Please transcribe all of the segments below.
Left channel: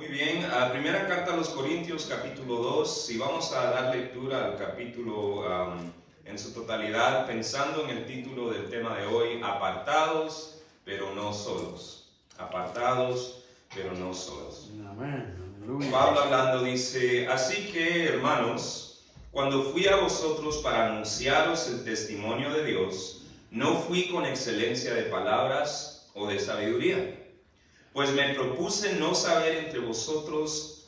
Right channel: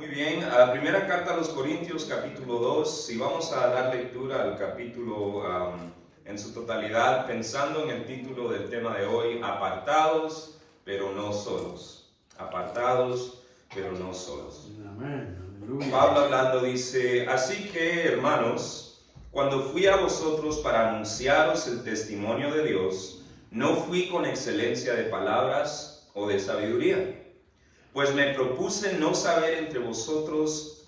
Muy bien, primera carta a los Corintios, capítulo 2, y vamos a dar lectura al capítulo en su totalidad, pensando en el título del tema de hoy, apartados, pero no solos. Apartados, pero no solos. Pablo hablando dice, así que, hermanos, cuando fui a vosotros para anunciaros el testimonio de Dios, no fui con excelencia de palabras o de sabiduría, pues me propuse no saber entre vosotros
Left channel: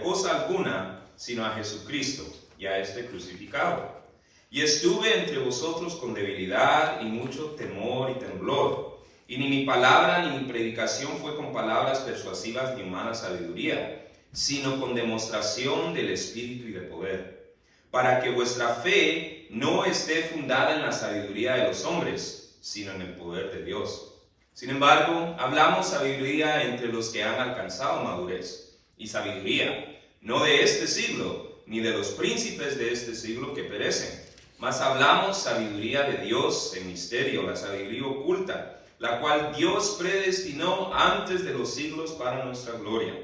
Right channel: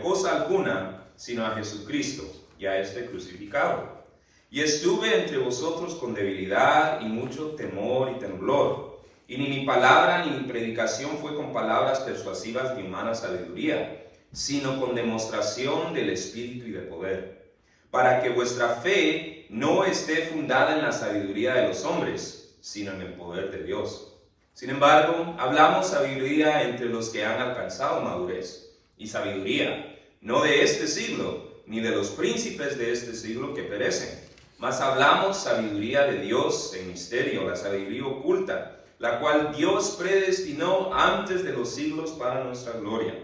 cosa alguna, sino a Jesucristo y a este crucificado. Y estuve entre vosotros con debilidad y mucho temor y temblor, y ni mi palabra ni mi predicación fue con palabras persuasivas ni humana sabiduría, sino con demostración del Espíritu y de poder, para que vuestra fe no esté fundada en la sabiduría de los hombres, sino en el poder de Dios. Sin embargo, hablamos sabiduría entre los que han alcanzado madurez, y sabiduría no de este siglo, ni de los príncipes de este siglo que perecen, mas hablamos sabiduría de Dios en misterio, la sabiduría oculta, la cual Dios predestinó antes de los siglos para nuestra gloria,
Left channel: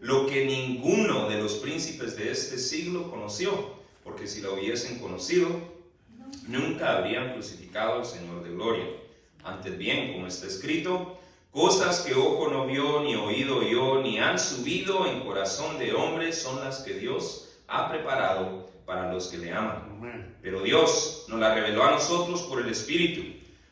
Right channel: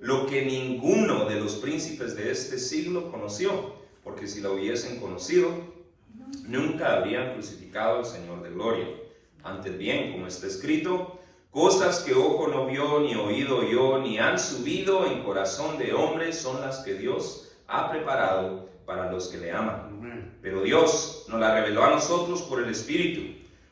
lo que ninguno de los príncipes de este siglo conoció, porque si lo hubiesen conocido, nunca habrían crucificado al Señor de gloria. Antes bien, como está escrito, cosas que ojo no vio, ni oído oyó, ni han subido en corazón de hombre, son las que Dios ha preparado para los que le aman. Pero Dios nos la reveló a nosotros por el Espíritu,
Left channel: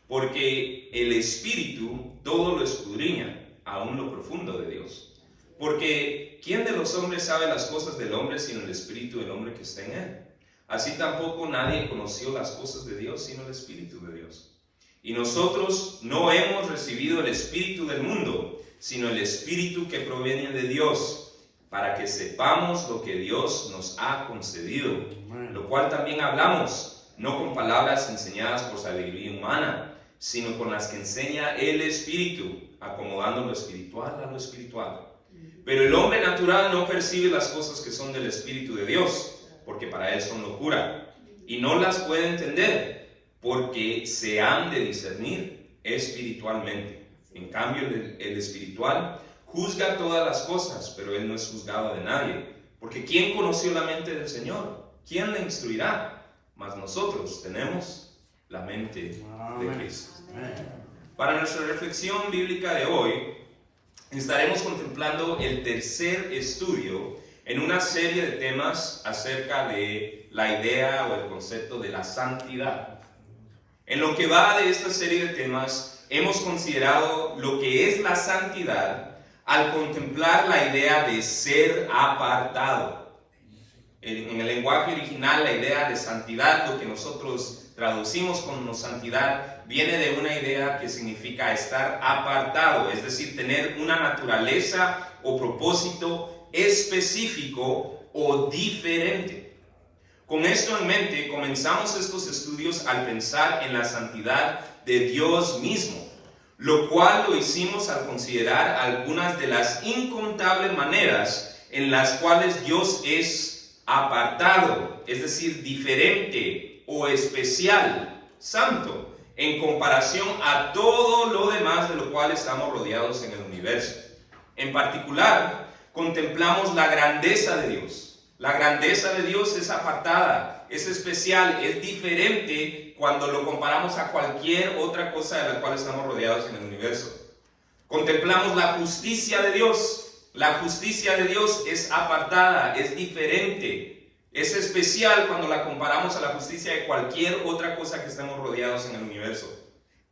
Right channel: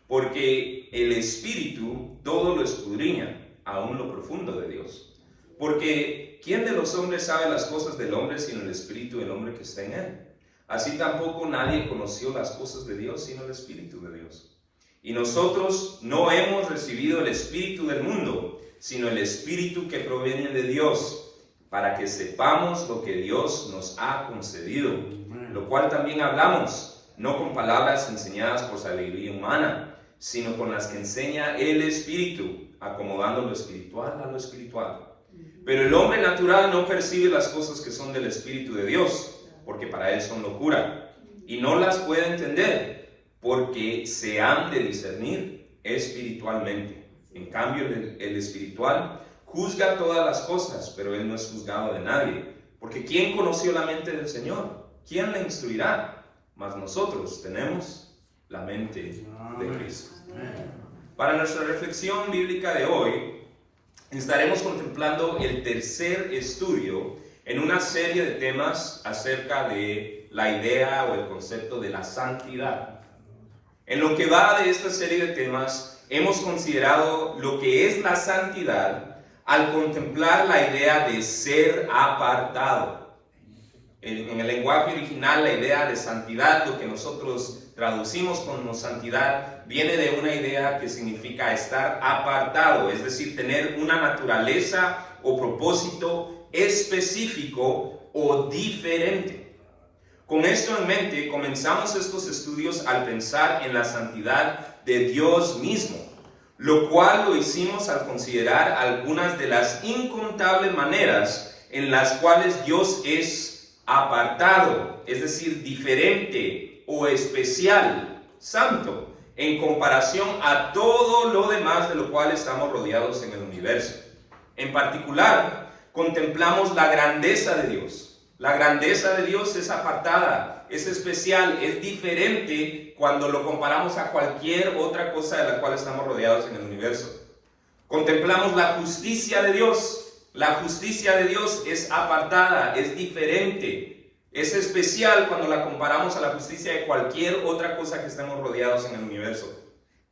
porque el Espíritu todo lo escudriña, aún lo profundo de Dios. Porque ¿quién de los hombres sabe las cosas del hombre sino el Espíritu del hombre que está en él? Así tampoco nadie conoció las cosas de Dios sino el Espíritu de Dios. Y nosotros no hemos recibido el espíritu del mundo, sino el espíritu que proviene de Dios, para que sepamos lo que Dios nos ha concedido, lo cual también hablamos, no con palabras enseñadas por sabiduría humana, sino con las que enseña el Espíritu, acomodando lo espiritual a lo espiritual. Pero el hombre natural no percibe las cosas que son del Espíritu de Dios, porque para él son locura, y no las puede entender, porque se han de discernir espiritualmente. En cambio, el espiritual juzga todas las cosas, pero él no es juzgado de nadie. Porque ¿quién conoció la mente del Señor? ¿Quién le instruirá? Mas nosotros tenemos la mente de Cristo. Para nuestra reflexión bíblica de hoy, estaremos contemplando el tercer estudio en una serie de temas acerca de la idea o el concepto de la santidad. En lo que va de esta serie de temas, hemos considerado lo que es la santidad al contemplar la idea de ser apartado. En el lenguaje original, la idea de santidad, lo que nosotros traducimos como santidad, viene de una idea que significa estar apartado, es decir, tener una naturaleza o propósito específico o diferente. Con esto en mente, comenzamos estos estudios al pensar en la santidad de Dios mismo, lo cual lo hicimos al considerar algunas de las incontables maneras en las cuales Dios es apartado, es decir, diferente o especial, santo, en comparación a todo lo demás de lo cual estamos rodeados en el universo. En particular, contemplamos la grandeza de Dios. La grandeza de Dios es apartada, es especial, es diferente cuando lo comparamos a cualquier otra cosa de la cual estamos rodeados en el universo. Contemplamos la justicia de Dios. La justicia de Dios es apartada, es diferente, es especial cuando la comparamos a la justicia de cualquier otra cosa que estemos rodeados en el universo.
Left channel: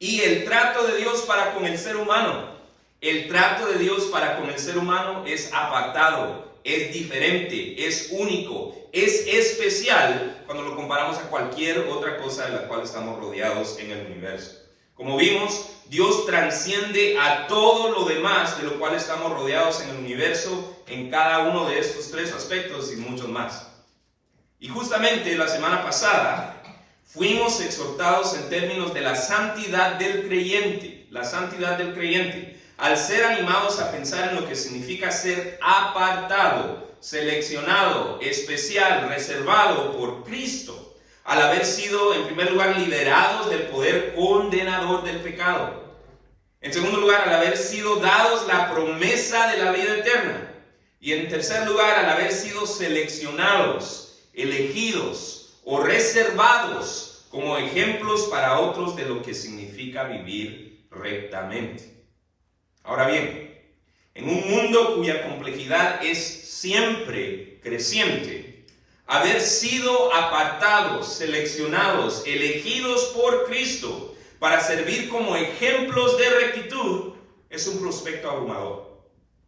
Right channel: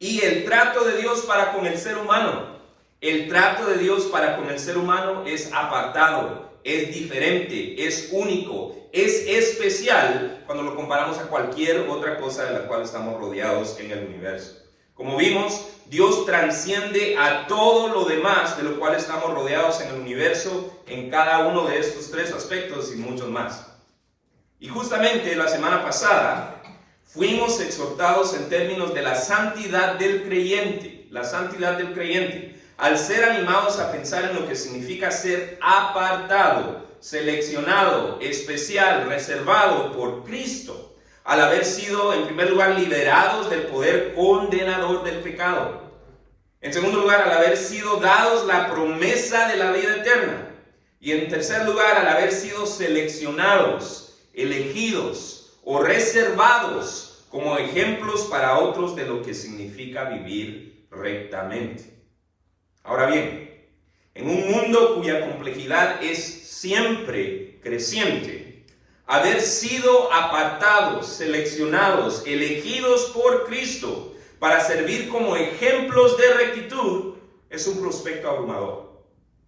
Y el trato de Dios para con el ser humano. El trato de Dios para con el ser humano es apartado, es diferente, es único, es especial cuando lo comparamos a cualquier otra cosa de la cual estamos rodeados en el universo. Como vimos, Dios trasciende a todo lo demás de lo cual estamos rodeados en el universo en cada uno de estos tres aspectos y muchos más. Y justamente la semana pasada fuimos exhortados en términos de la santidad del creyente, la santidad del creyente. Al ser animados a pensar en lo que significa ser apartado, seleccionado, especial, reservado por Cristo, al haber sido en primer lugar liberados del poder condenador del pecado, en segundo lugar al haber sido dados la promesa de la vida eterna, Y en tercer lugar, al haber sido seleccionados, elegidos o reservados como ejemplos para otros de lo que significa vivir rectamente. Ahora bien, en un mundo cuya complejidad es siempre creciente, haber sido apartados, seleccionados, elegidos por Cristo para servir como ejemplos de rectitud es un prospecto abrumador.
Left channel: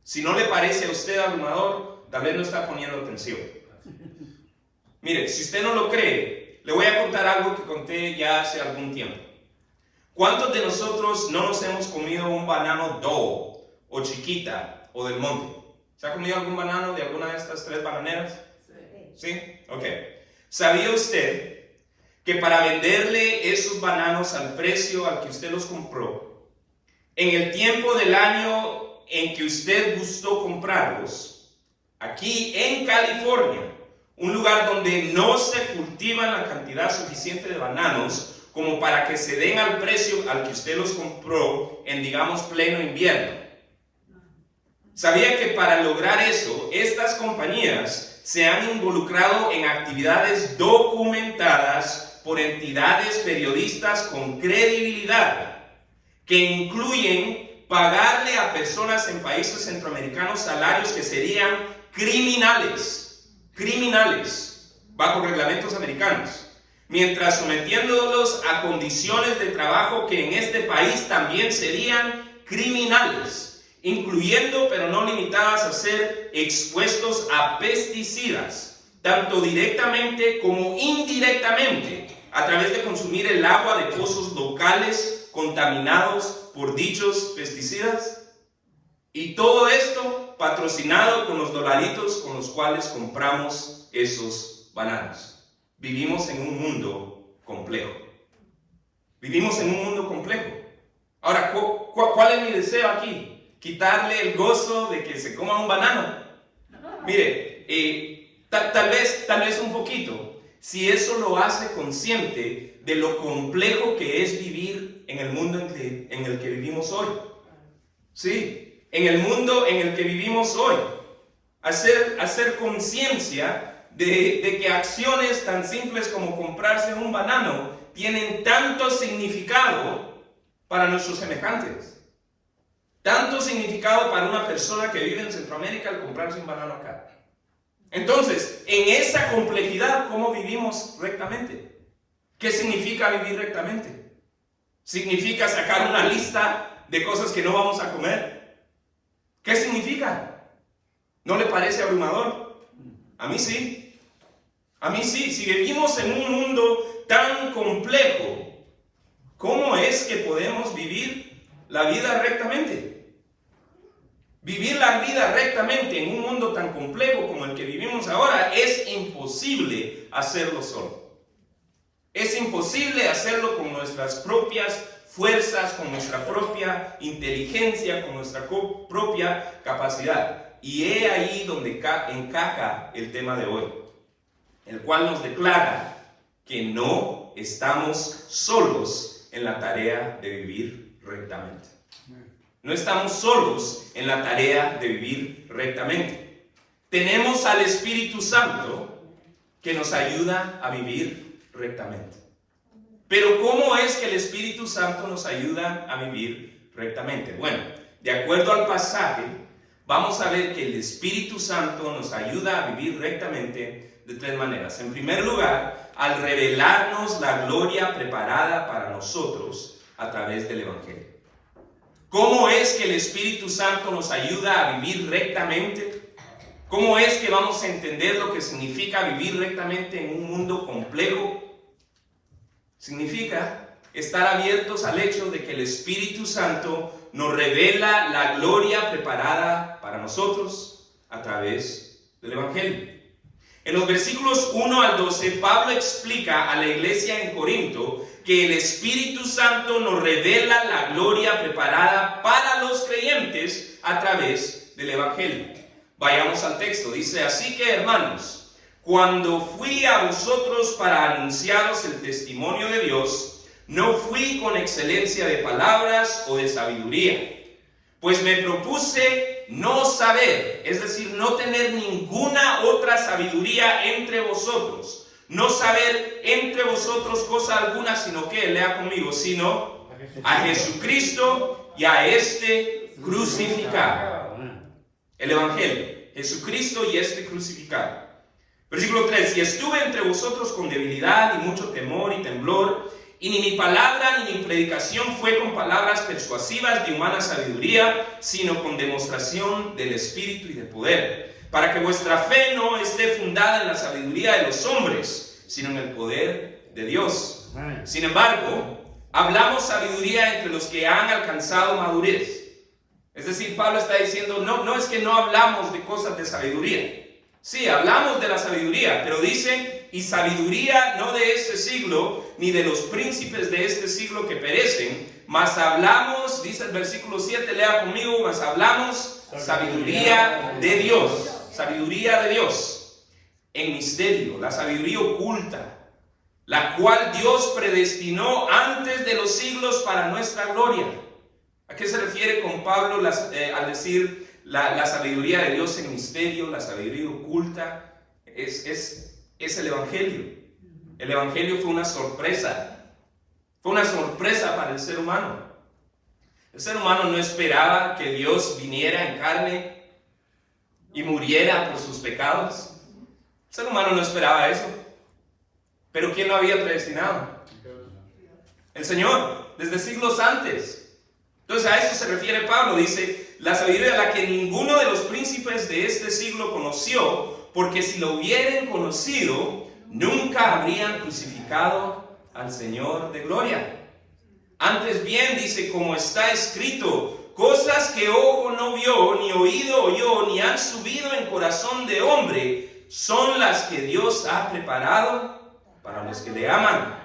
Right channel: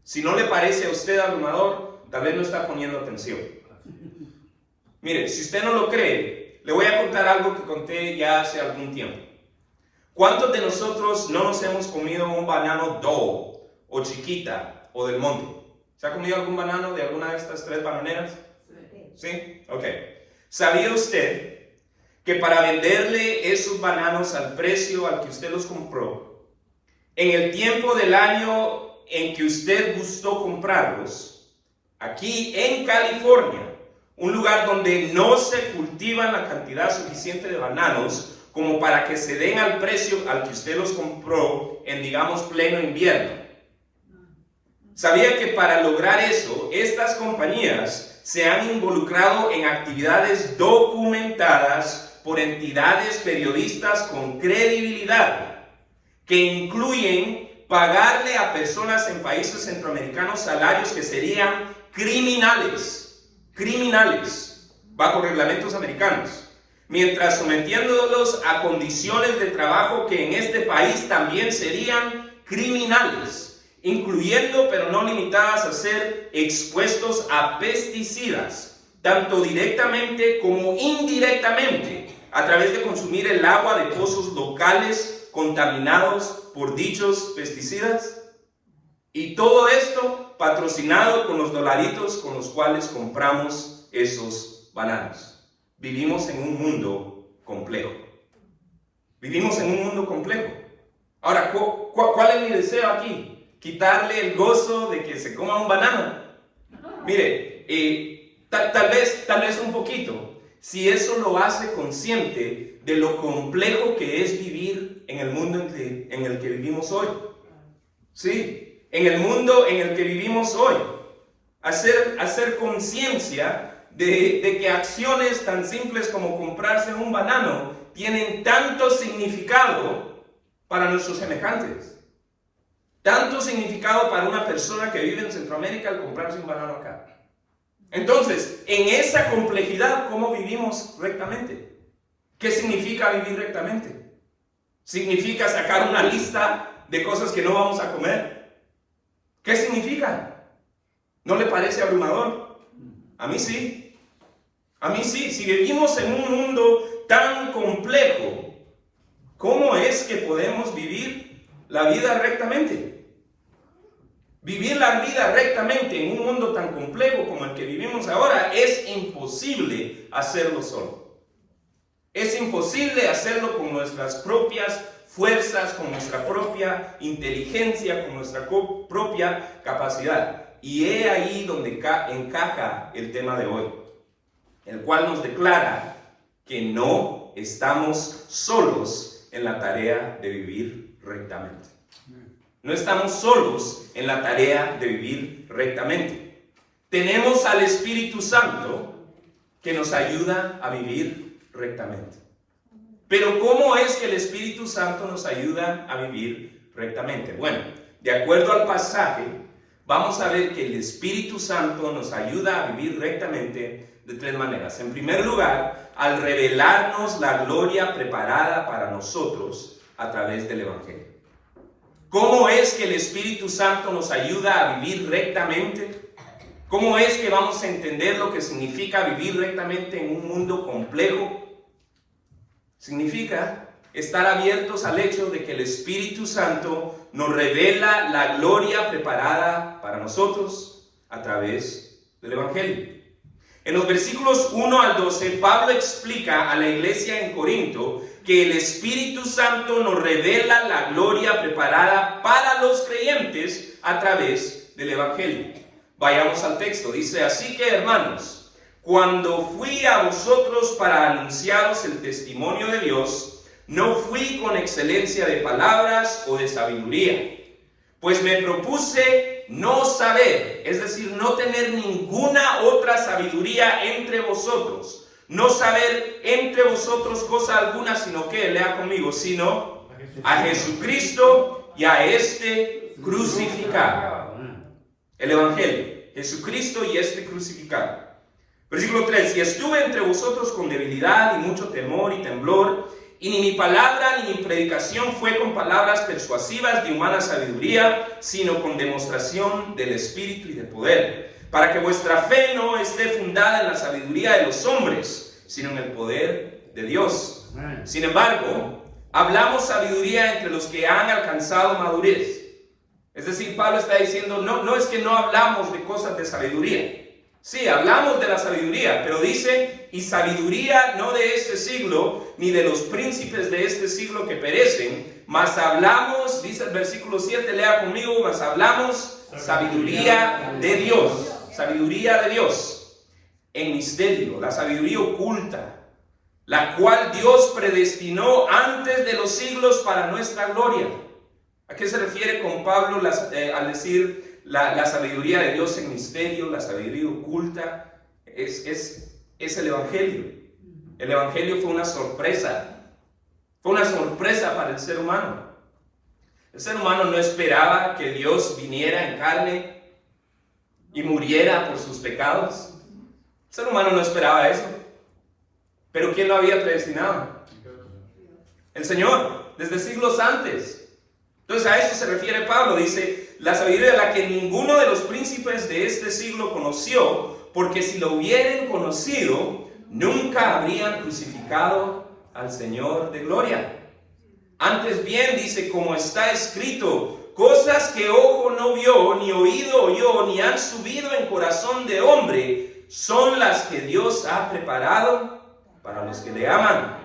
Si no le parece a usted abrumador, tal vez no está poniendo atención. Mire, si usted no lo cree, le voy a contar algo que conté ya hace algún tiempo. ¿Cuántos de nosotros no nos hemos comido un banano Dole o Chiquita o del Monte? ¿Se ha comido algún banano de alguna de estas tres bananeras? ¿Sí? Ok. ¿Sabía usted que para venderle esos bananos al precio al que usted los compró, en el tiempo del año en que usted gustó comprarlos, aquí en California, un lugar donde no se cultiva la cantidad suficiente de bananos como para que se den al precio al que usted los compró en, digamos, pleno invierno? ¿Sabía que para lograr eso, estas compañías se han involucrado en actividades documentadas por entidades periodistas con credibilidad, que incluyen pagarle a personas en países centroamericanos salarios que serían criminales, bajo reglamentos americanos, mientras sometiéndolos a condiciones de trabajo que en este país también serían criminales, incluyendo pero no limitadas a ser expuestos a pesticidas, tanto directamente como indirectamente, a través de consumir el agua de pozos locales contaminados por dichos pesticidas. Y todo esto patrocinado con los dolaritos con los cuales compramos esos bananos. Vivimos en un mundo complejo. Vivimos en un mundo complejo. Ahora, ¿cuál es mi deseo aquí? ¿Quitarle el gozo de que se coma un banano? Mire, tal vez un poquito, si eso lo hace consciente de lo complejo que es vivir en el mundo en el que vivimos hoy. Sí, en el mundo en el que vivimos hoy. Hacer conciencia de que acciones tan simples como comprarse un banano tienen tanto significado para nuestros semejantes. Tanto significado para una persona que vive en Centroamérica al comprarse un banano acá. Entonces, en esa complejidad, ¿cómo vivimos rectamente? ¿Qué significa vivir rectamente? ¿Significa sacar una lista de cosas que no vamos a comer? ¿Qué significa? ¿No le parece abrumador? A mí sí. A mí sí. Si vivimos en un mundo tan complejo, ¿cómo es que podemos vivir la vida rectamente? Vivir la vida rectamente en un mundo tan complejo como el que vivimos ahora es imposible hacerlo solo. Es imposible hacerlo con nuestras propias fuerzas, con nuestra propia inteligencia, con nuestra propia capacidad. Y he ahí donde encaja el tema de hoy, el cual nos declara que no estamos solos en la tarea de vivir rectamente. No estamos solos en la tarea de vivir rectamente. Tenemos al Espíritu Santo que nos ayuda a vivir rectamente. Pero ¿cómo es que el Espíritu Santo nos ayuda a vivir rectamente? Bueno, de acuerdo al pasaje, vamos a ver que el Espíritu Santo nos ayuda a vivir rectamente de tres maneras. En primer lugar, al revelarnos la gloria preparada para nosotros a través del Evangelio. ¿Cómo es que el Espíritu Santo nos ayuda a vivir rectamente? ¿Cómo es que vamos a entender lo que significa vivir rectamente en un mundo complejo? Significa estar abiertos al hecho de que el Espíritu Santo nos revela la gloria preparada para nosotros a través del Evangelio. En los versículos 1 al 12, Pablo explica a la iglesia en Corinto que el Espíritu Santo nos revela la gloria preparada para los creyentes a través del Evangelio. Vayamos al texto. Dice: así que, hermanos, cuando fui a vosotros para anunciaros el testimonio de Dios, no fui con excelencia de palabras o de sabiduría, pues me propuse no saber, es decir, no tener ninguna otra sabiduría entre vosotros. No saber entre vosotros cosa alguna, sino que, lea conmigo, sino a Jesucristo y a este crucificado. El Evangelio, Jesucristo y este crucificado. Versículo 3, y estuve entre vosotros con debilidad y mucho temor y temblor, y ni mi palabra ni mi predicación fue con palabras persuasivas de humana sabiduría, sino con demostración del Espíritu y de poder, para que vuestra fe no esté fundada en la sabiduría de los hombres, sino en el poder de Dios. Sin embargo, hablamos sabiduría entre los que han alcanzado madurez. Es decir, Pablo está diciendo, no es que no hablamos de cosas de sabiduría. Sí, hablamos de la sabiduría, pero dice, y sabiduría no de este siglo, ni de los príncipes de este siglo que perecen, mas hablamos, dice el versículo 7, lea conmigo, mas hablamos sabiduría de Dios, sabiduría de Dios, en misterio, la sabiduría oculta, la cual Dios predestinó antes de los siglos para nuestra gloria. ¿A qué se refiere con Pablo al decir la sabiduría de Dios en misterio, la sabiduría oculta? Es el Evangelio. El Evangelio fue una sorpresa para el ser humano. El ser humano no esperaba que Dios viniera en carne y muriera por sus pecados. El ser humano no esperaba eso. Pero ¿quién lo había predestinado? El Señor, desde siglos antes. Entonces a eso se refiere Pablo, dice, la sabiduría de la que ninguno de los príncipes de este siglo conoció, porque si lo hubieran conocido, nunca habrían crucificado al Señor de gloria. Antes bien, dice, como está escrito, cosas que ojo no vio, ni oído oyó, ni han subido en corazón de hombre, son las que Dios ha preparado para los que le aman.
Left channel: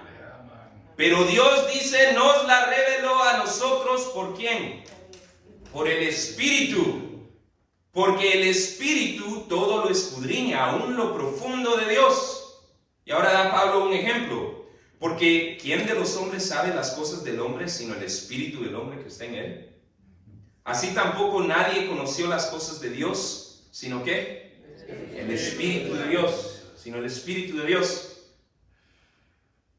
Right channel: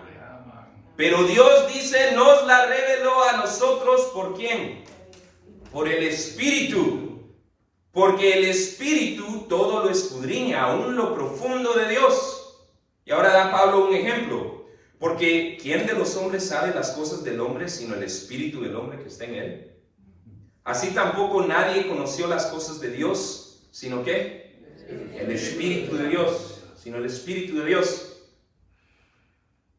Pero Dios dice, nos la reveló a nosotros, ¿por quién? Por el Espíritu. Porque el Espíritu todo lo escudriña, aún lo profundo de Dios. Y ahora da Pablo un ejemplo. Porque ¿quién de los hombres sabe las cosas del hombre, sino el Espíritu del hombre que está en él? Así tampoco nadie conoció las cosas de Dios, sino ¿qué? El Espíritu de Dios, sino el Espíritu de Dios.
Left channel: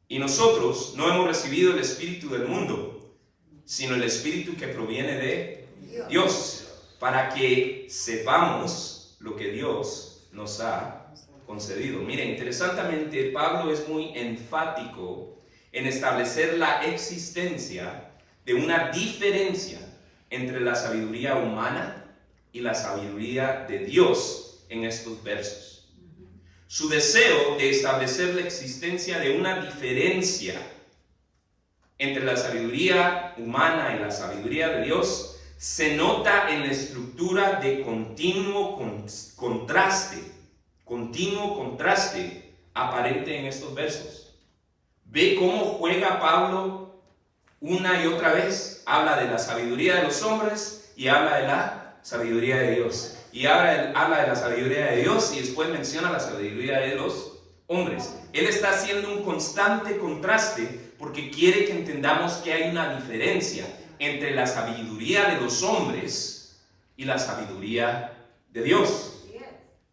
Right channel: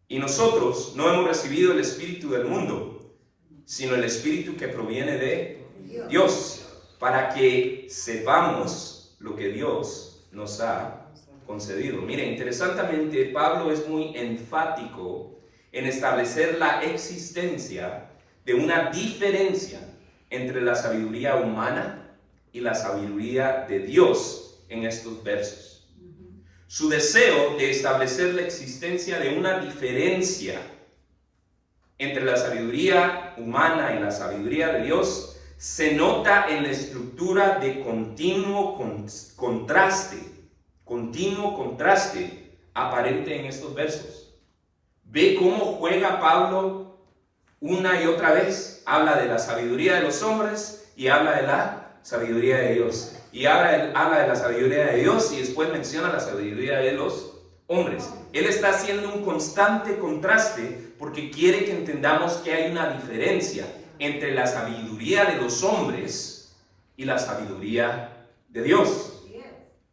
Y nosotros no hemos recibido el espíritu del mundo, sino el espíritu que proviene de Dios, para que sepamos lo que Dios nos ha concedido. Mire, interesantemente, Pablo es muy enfático en establecer la existencia de una diferencia entre la sabiduría humana y la sabiduría de Dios en estos versos. Su deseo de establecer la existencia de una diferencia entre la sabiduría humana y la sabiduría de Dios se nota en la estructura de continuo contraste aparente en estos versos. Ve cómo juega Pablo una y otra vez. Habla de la sabiduría de los hombres y habla de la sabiduría de Dios. Y habla de la sabiduría de Dios y después menciona la sabiduría de los hombres. Él está haciendo un constante contraste porque quiere que entendamos que hay una diferencia entre la sabiduría de los hombres y la sabiduría de Dios.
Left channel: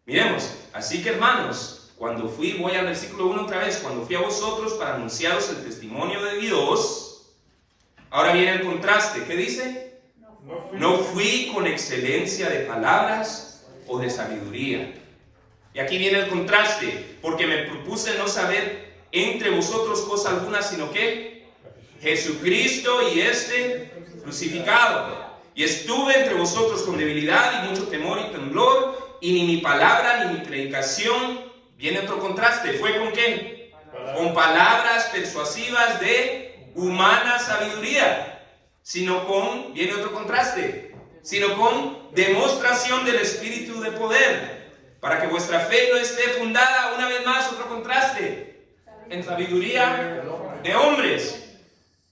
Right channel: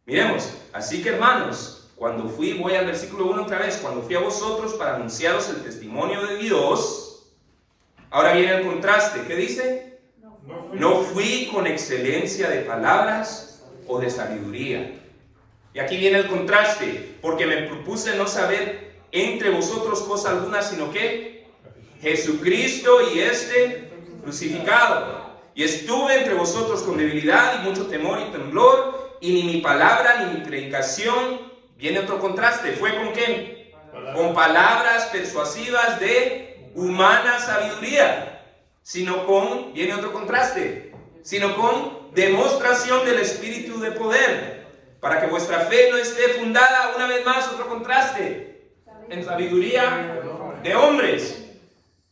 Miremos, así que hermanos, voy al versículo 1 otra vez, cuando fui a vosotros para anunciaros el testimonio de Dios, ahora viene el contraste, ¿qué dice? No fui con excelencia de palabras o de sabiduría. Y aquí viene el contraste, porque me propuse no saber entre vosotros cosa alguna, sino que Jesucristo y este crucificado. Y estuve entre vosotros con debilidad y mucho temor y temblor, y ni mi palabra ni mi predicación, viene otro contraste, ¿fue con qué? Con palabras persuasivas de humana sabiduría. Viene otro contraste, sino con demostración del Espíritu de poder, para que vuestra fe no esté fundada, una vez más, otro contraste, en sabiduría de hombres,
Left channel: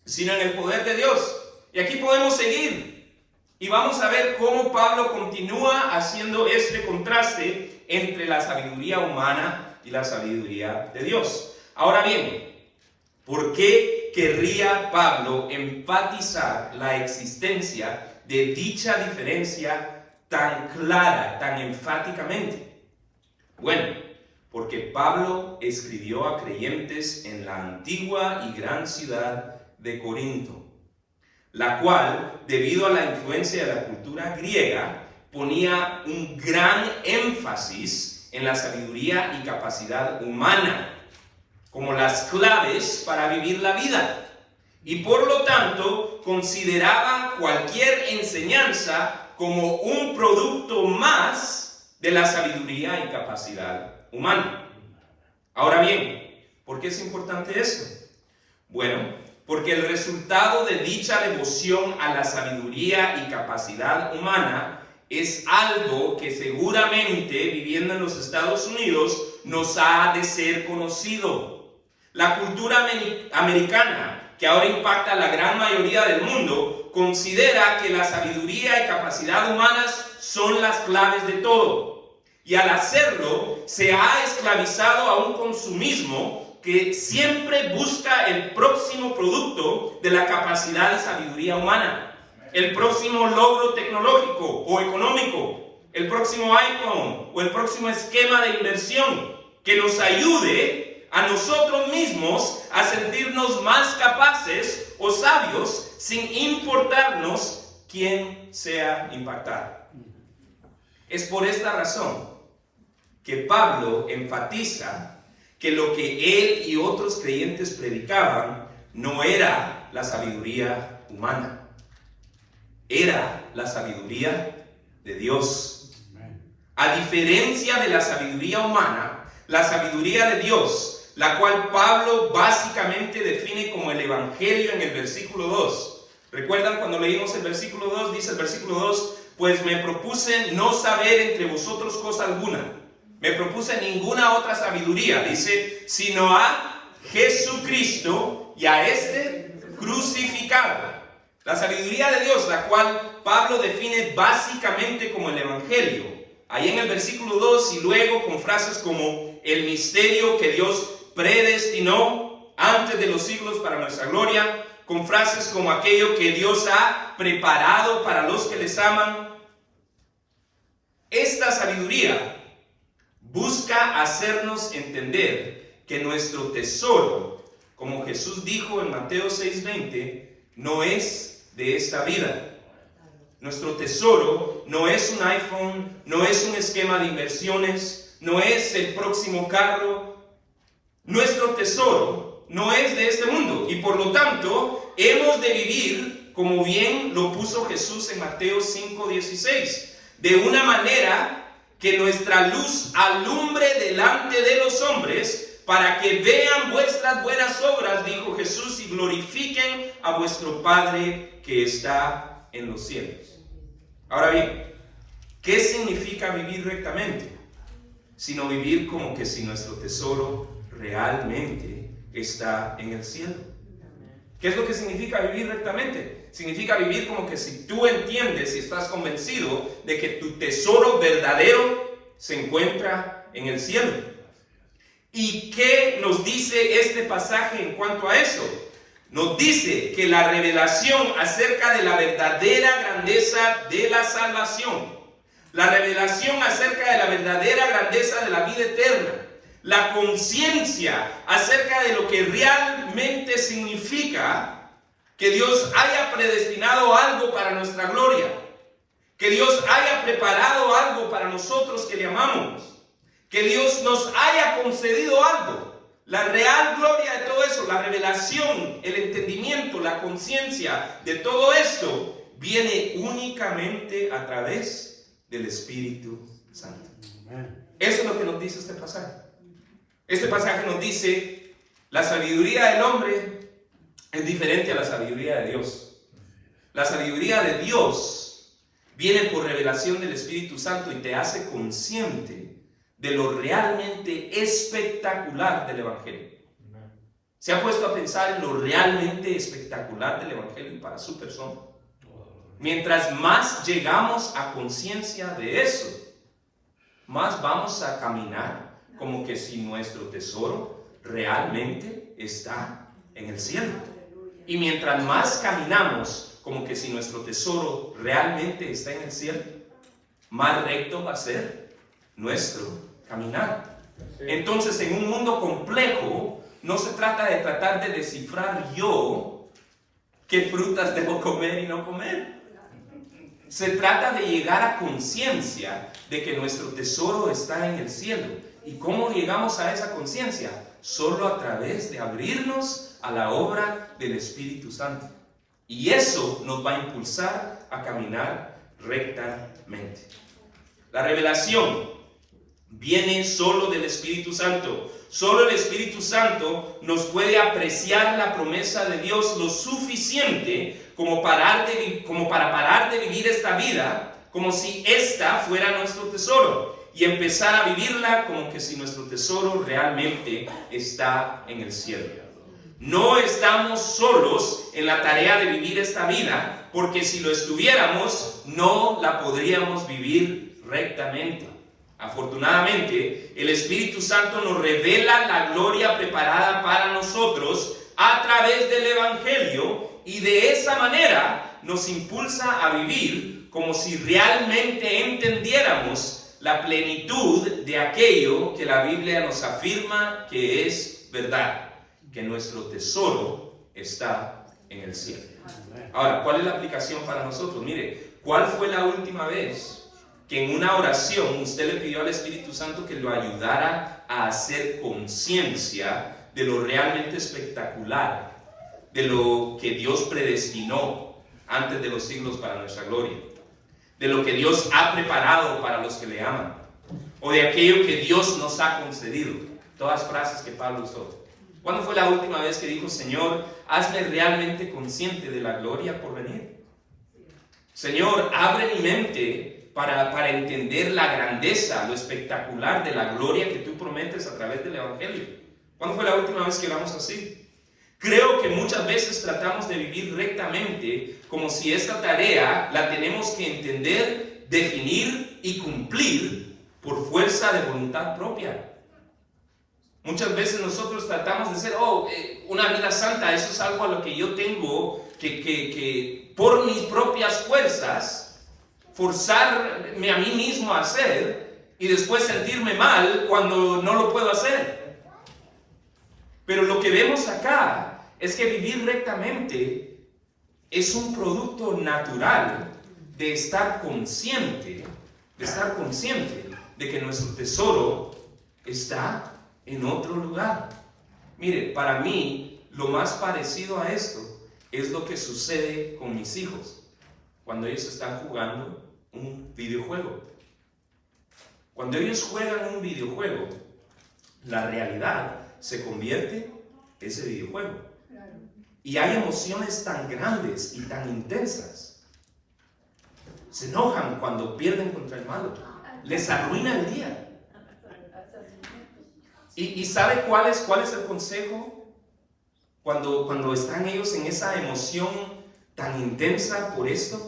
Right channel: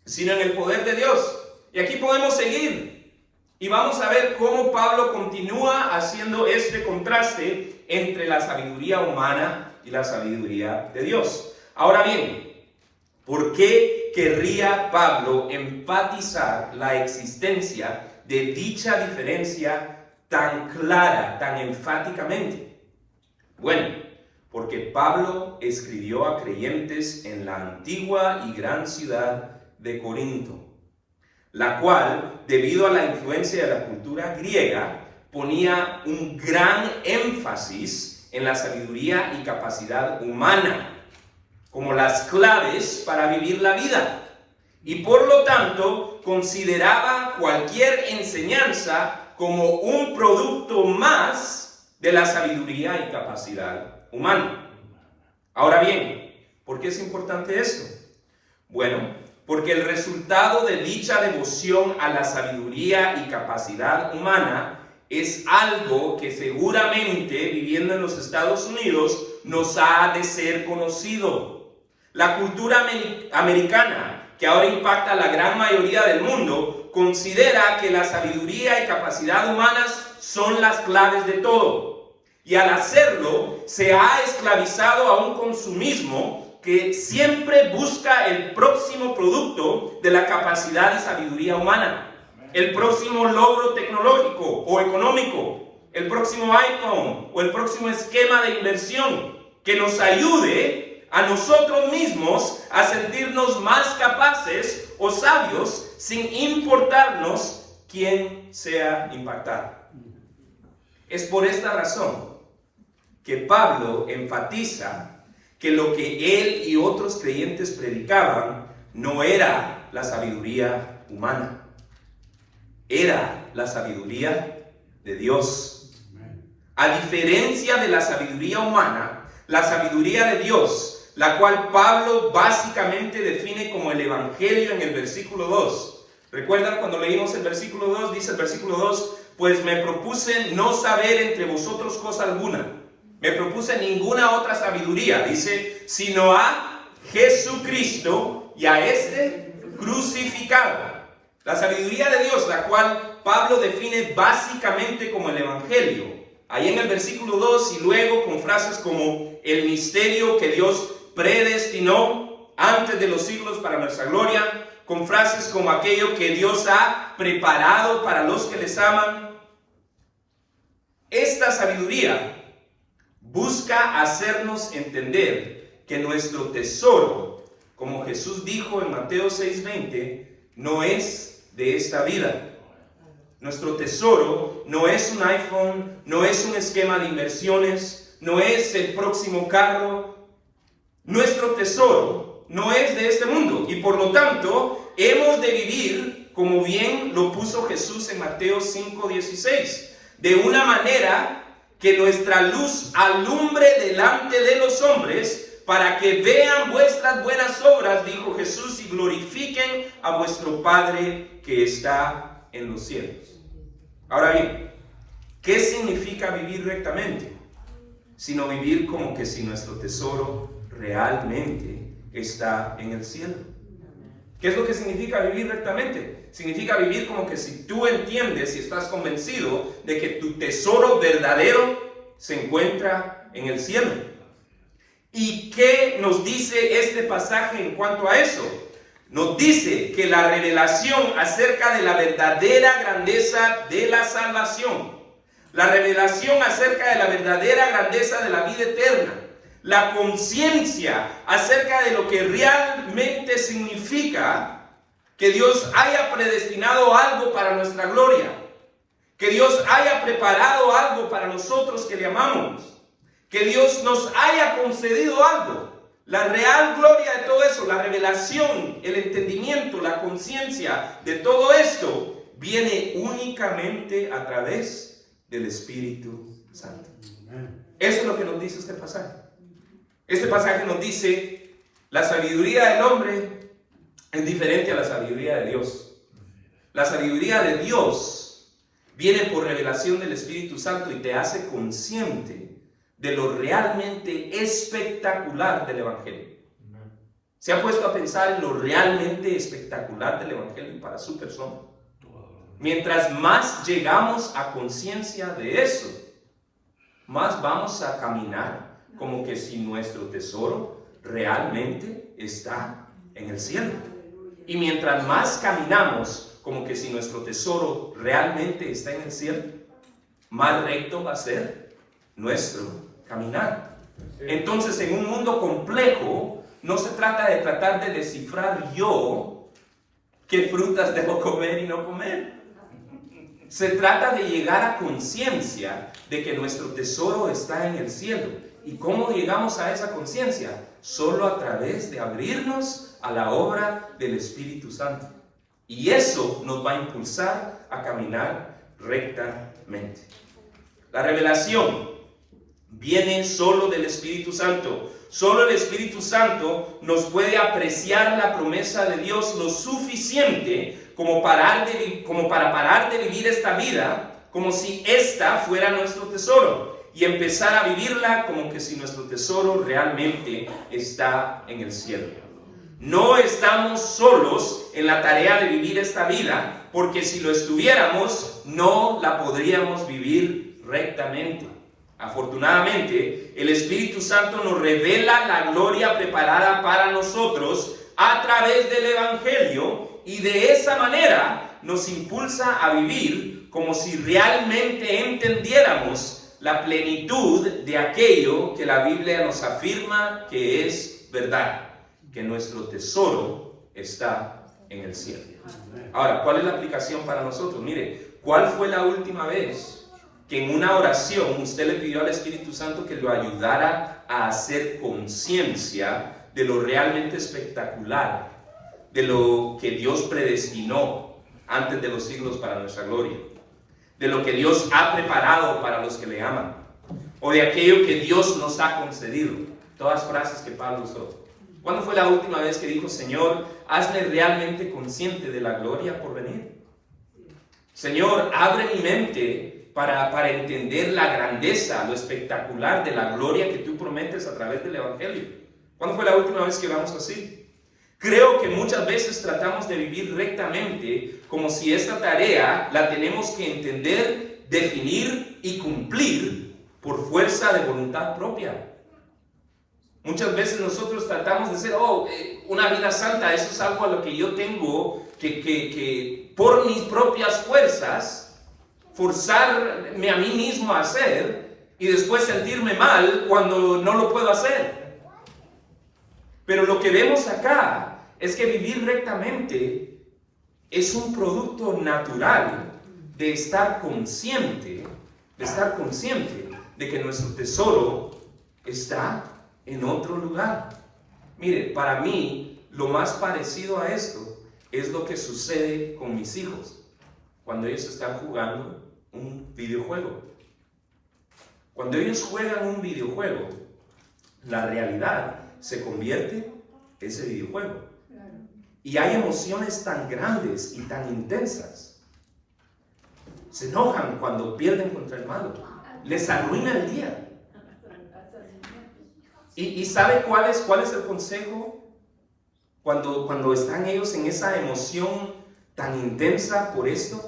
sino en el poder de Dios. Y aquí podemos seguir, y vamos a ver cómo Pablo continúa haciendo este contraste entre la sabiduría humana y la sabiduría de Dios. Ahora bien, ¿por qué querría Pablo enfatizar la existencia de dicha diferencia tan clara, tan enfáticamente? Bueno, porque Pablo escribió a creyentes en la antigua y gran ciudad de Corinto, la cual, debido a la influencia de la cultura griega, ponía un gran énfasis en la sabiduría y capacidad humana como las claves para vivir la vida, y por lo tanto consideraba cualquier enseñanza como un producto más de la sabiduría y capacidad humana. Ahora bien, ¿por qué es importante esto? Bueno, porque el resultado de dicha devoción a la sabiduría y capacidad humana es algo que seguramente, viviendo en los Estados Unidos, nos ha de ser conocido. La cultura americana, que ahora impacta a la gran mayoría del mundo, considera que la sabiduría y capacidad humanas son las claves de todo. Y al hacerlo, se ha esclavizado a un consumismo que siempre busca el próximo producto de la capacidad y sabiduría humana. El próximo logro tecnológico o económico, el próximo iPhone o el próximo esquema de inversión que nos ayude a nosotros mismos a sentirnos más capaces o sabios sin importarnos quién sea impactado. Es por esta razón que Pablo enfatiza que lo que él y otros creyentes predicaban no era la sabiduría humana. Era la sabiduría de Dios. A diferencia de la sabiduría humana, la sabiduría de Dios, la cual Pablo básicamente define como el Evangelio en el versículo 2. ¿Recuerdan cuando leímos el versículo 2? Dice el versículo 2, pues me propuse no saber entre vosotros cosa alguna. Me propuse ninguna otra sabiduría, dice, sino a Jesucristo y a este crucificado. La sabiduría de Dios, la cual Pablo define básicamente como el Evangelio. Ahí en el versículo 2 y luego con frases como el misterio que Dios predestinó antes de los siglos para nuestra gloria, con frases como aquello que Dios ha preparado para los que les aman. Esta sabiduría busca hacernos entender que nuestro tesoro, como Jesús dijo en Mateo 6:20, no es de esta vida. Nuestro tesoro no es un iPhone, no es un esquema de inversiones, no es el próximo carro. Nuestro tesoro no es de este mundo y por lo tanto hemos de vivir como bien lo puso Jesús en Mateo 5:16, de una manera que nuestra luz alumbre delante de los hombres, para que vean vuestras buenas obras, dijo Jesús, y glorifiquen a vuestro Padre que está en los cielos. Ahora bien, ¿qué significa vivir rectamente? Sino vivir como que si nuestro tesoro realmente está en el cielo. ¿Qué es lo que significa vivir rectamente? Significa vivir como que si tú entiendes y estás convencido de que tu tesoro verdadero se encuentra en el cielo. ¿Y qué nos dice este pasaje en cuanto a eso? Nos dice que la revelación acerca de la verdadera grandeza de la salvación, la revelación acerca de la verdadera grandeza de la vida eterna, la conciencia acerca de lo que realmente significa que Dios haya predestinado algo para nuestra gloria, que Dios haya preparado algo para nosotros que le amamos, que Dios nos haya concedido algo. La real gloria de todo eso, la revelación, el entendimiento, la conciencia de todo esto viene únicamente a través del Espíritu Santo. Eso es lo que nos dice este pasaje. Este pasaje nos dice, la sabiduría del hombre es diferente a la sabiduría de Dios. La sabiduría de Dios viene por revelación del Espíritu Santo y te hace consciente de lo realmente espectacular del Evangelio. ¿Se ha puesto a pensar en lo realmente espectacular del Evangelio para su persona? Mientras más llegamos a conciencia de eso, más vamos a caminar como que si nuestro tesoro realmente está en el cielo. Y mientras más caminamos como que si nuestro tesoro realmente está en el cielo, más recto va a ser nuestro caminar. Entonces, en un mundo complejo, no se trata de tratar de descifrar yo qué frutas debo comer y no comer. Se trata de llegar a conciencia de que nuestro tesoro está en el cielo. ¿Y cómo llegamos a esa conciencia? Solo a través de abrirnos a la obra del Espíritu Santo. Y eso nos va a impulsar a caminar rectamente. La revelación viene solo del Espíritu Santo. Solo el Espíritu Santo nos puede apreciar la promesa de Dios lo suficiente como para parar de vivir esta vida como si esta fuera nuestro tesoro y empezar a vivirla como que si nuestro tesoro realmente está en el cielo. No estamos solos en la tarea de vivir esta vida, porque si lo estuviéramos, no la podríamos vivir rectamente. Afortunadamente, el Espíritu Santo nos revela la gloria preparada para nosotros a través del Evangelio y de esa manera nos impulsa a vivir como si realmente entendiéramos la plenitud de aquello que la Biblia nos afirma que es verdad, que nuestro tesoro está en el cielo. Ahora, ¿cuál es la aplicación para nosotros? Mire, ¿cuál fue la última vez que en una oración usted le pidió al Espíritu Santo que lo ayudara a hacer conciencia de lo realmente espectacular, de lo que Dios predestinó antes de los siglos para nuestra gloria, de lo que Dios ha preparado para los que le aman, o de aquello que Dios nos ha concedido? Todas frases que Pablo usó. ¿Cuándo fue la última vez que dijo: Señor, hazme realmente consciente de la gloria por venir? Señor, abre mi mente para entender la grandeza, lo espectacular de la gloria que tú prometes a través del Evangelio. ¿Cuándo fue la última vez que oramos así? Creo que muchas veces tratamos de vivir rectamente como si esta tarea la tenemos que entender, definir y cumplir por fuerza de voluntad propia. Muchas veces nosotros tratamos de decir: una vida santa, eso es algo a lo que yo tengo que por mis propias fuerzas forzarme a mí mismo a hacer y después sentirme mal cuando no lo puedo hacer. Pero lo que vemos acá es que vivir rectamente es un producto natural de estar consciente de que nuestro tesoro está en otro lugar. Mire, para mí lo más parecido a esto es lo que sucede con mis hijos cuando ellos están jugando un videojuego. Cuando ellos juegan un videojuego, la realidad se convierte en ese videojuego. Y hay emociones tan grandes y tan intensas. Se enojan cuando pierden contra el malo. Les arruina el día. ¿Y sabe cuál es el consejo? Cuando están ellos en esa emoción tan intensa por esto.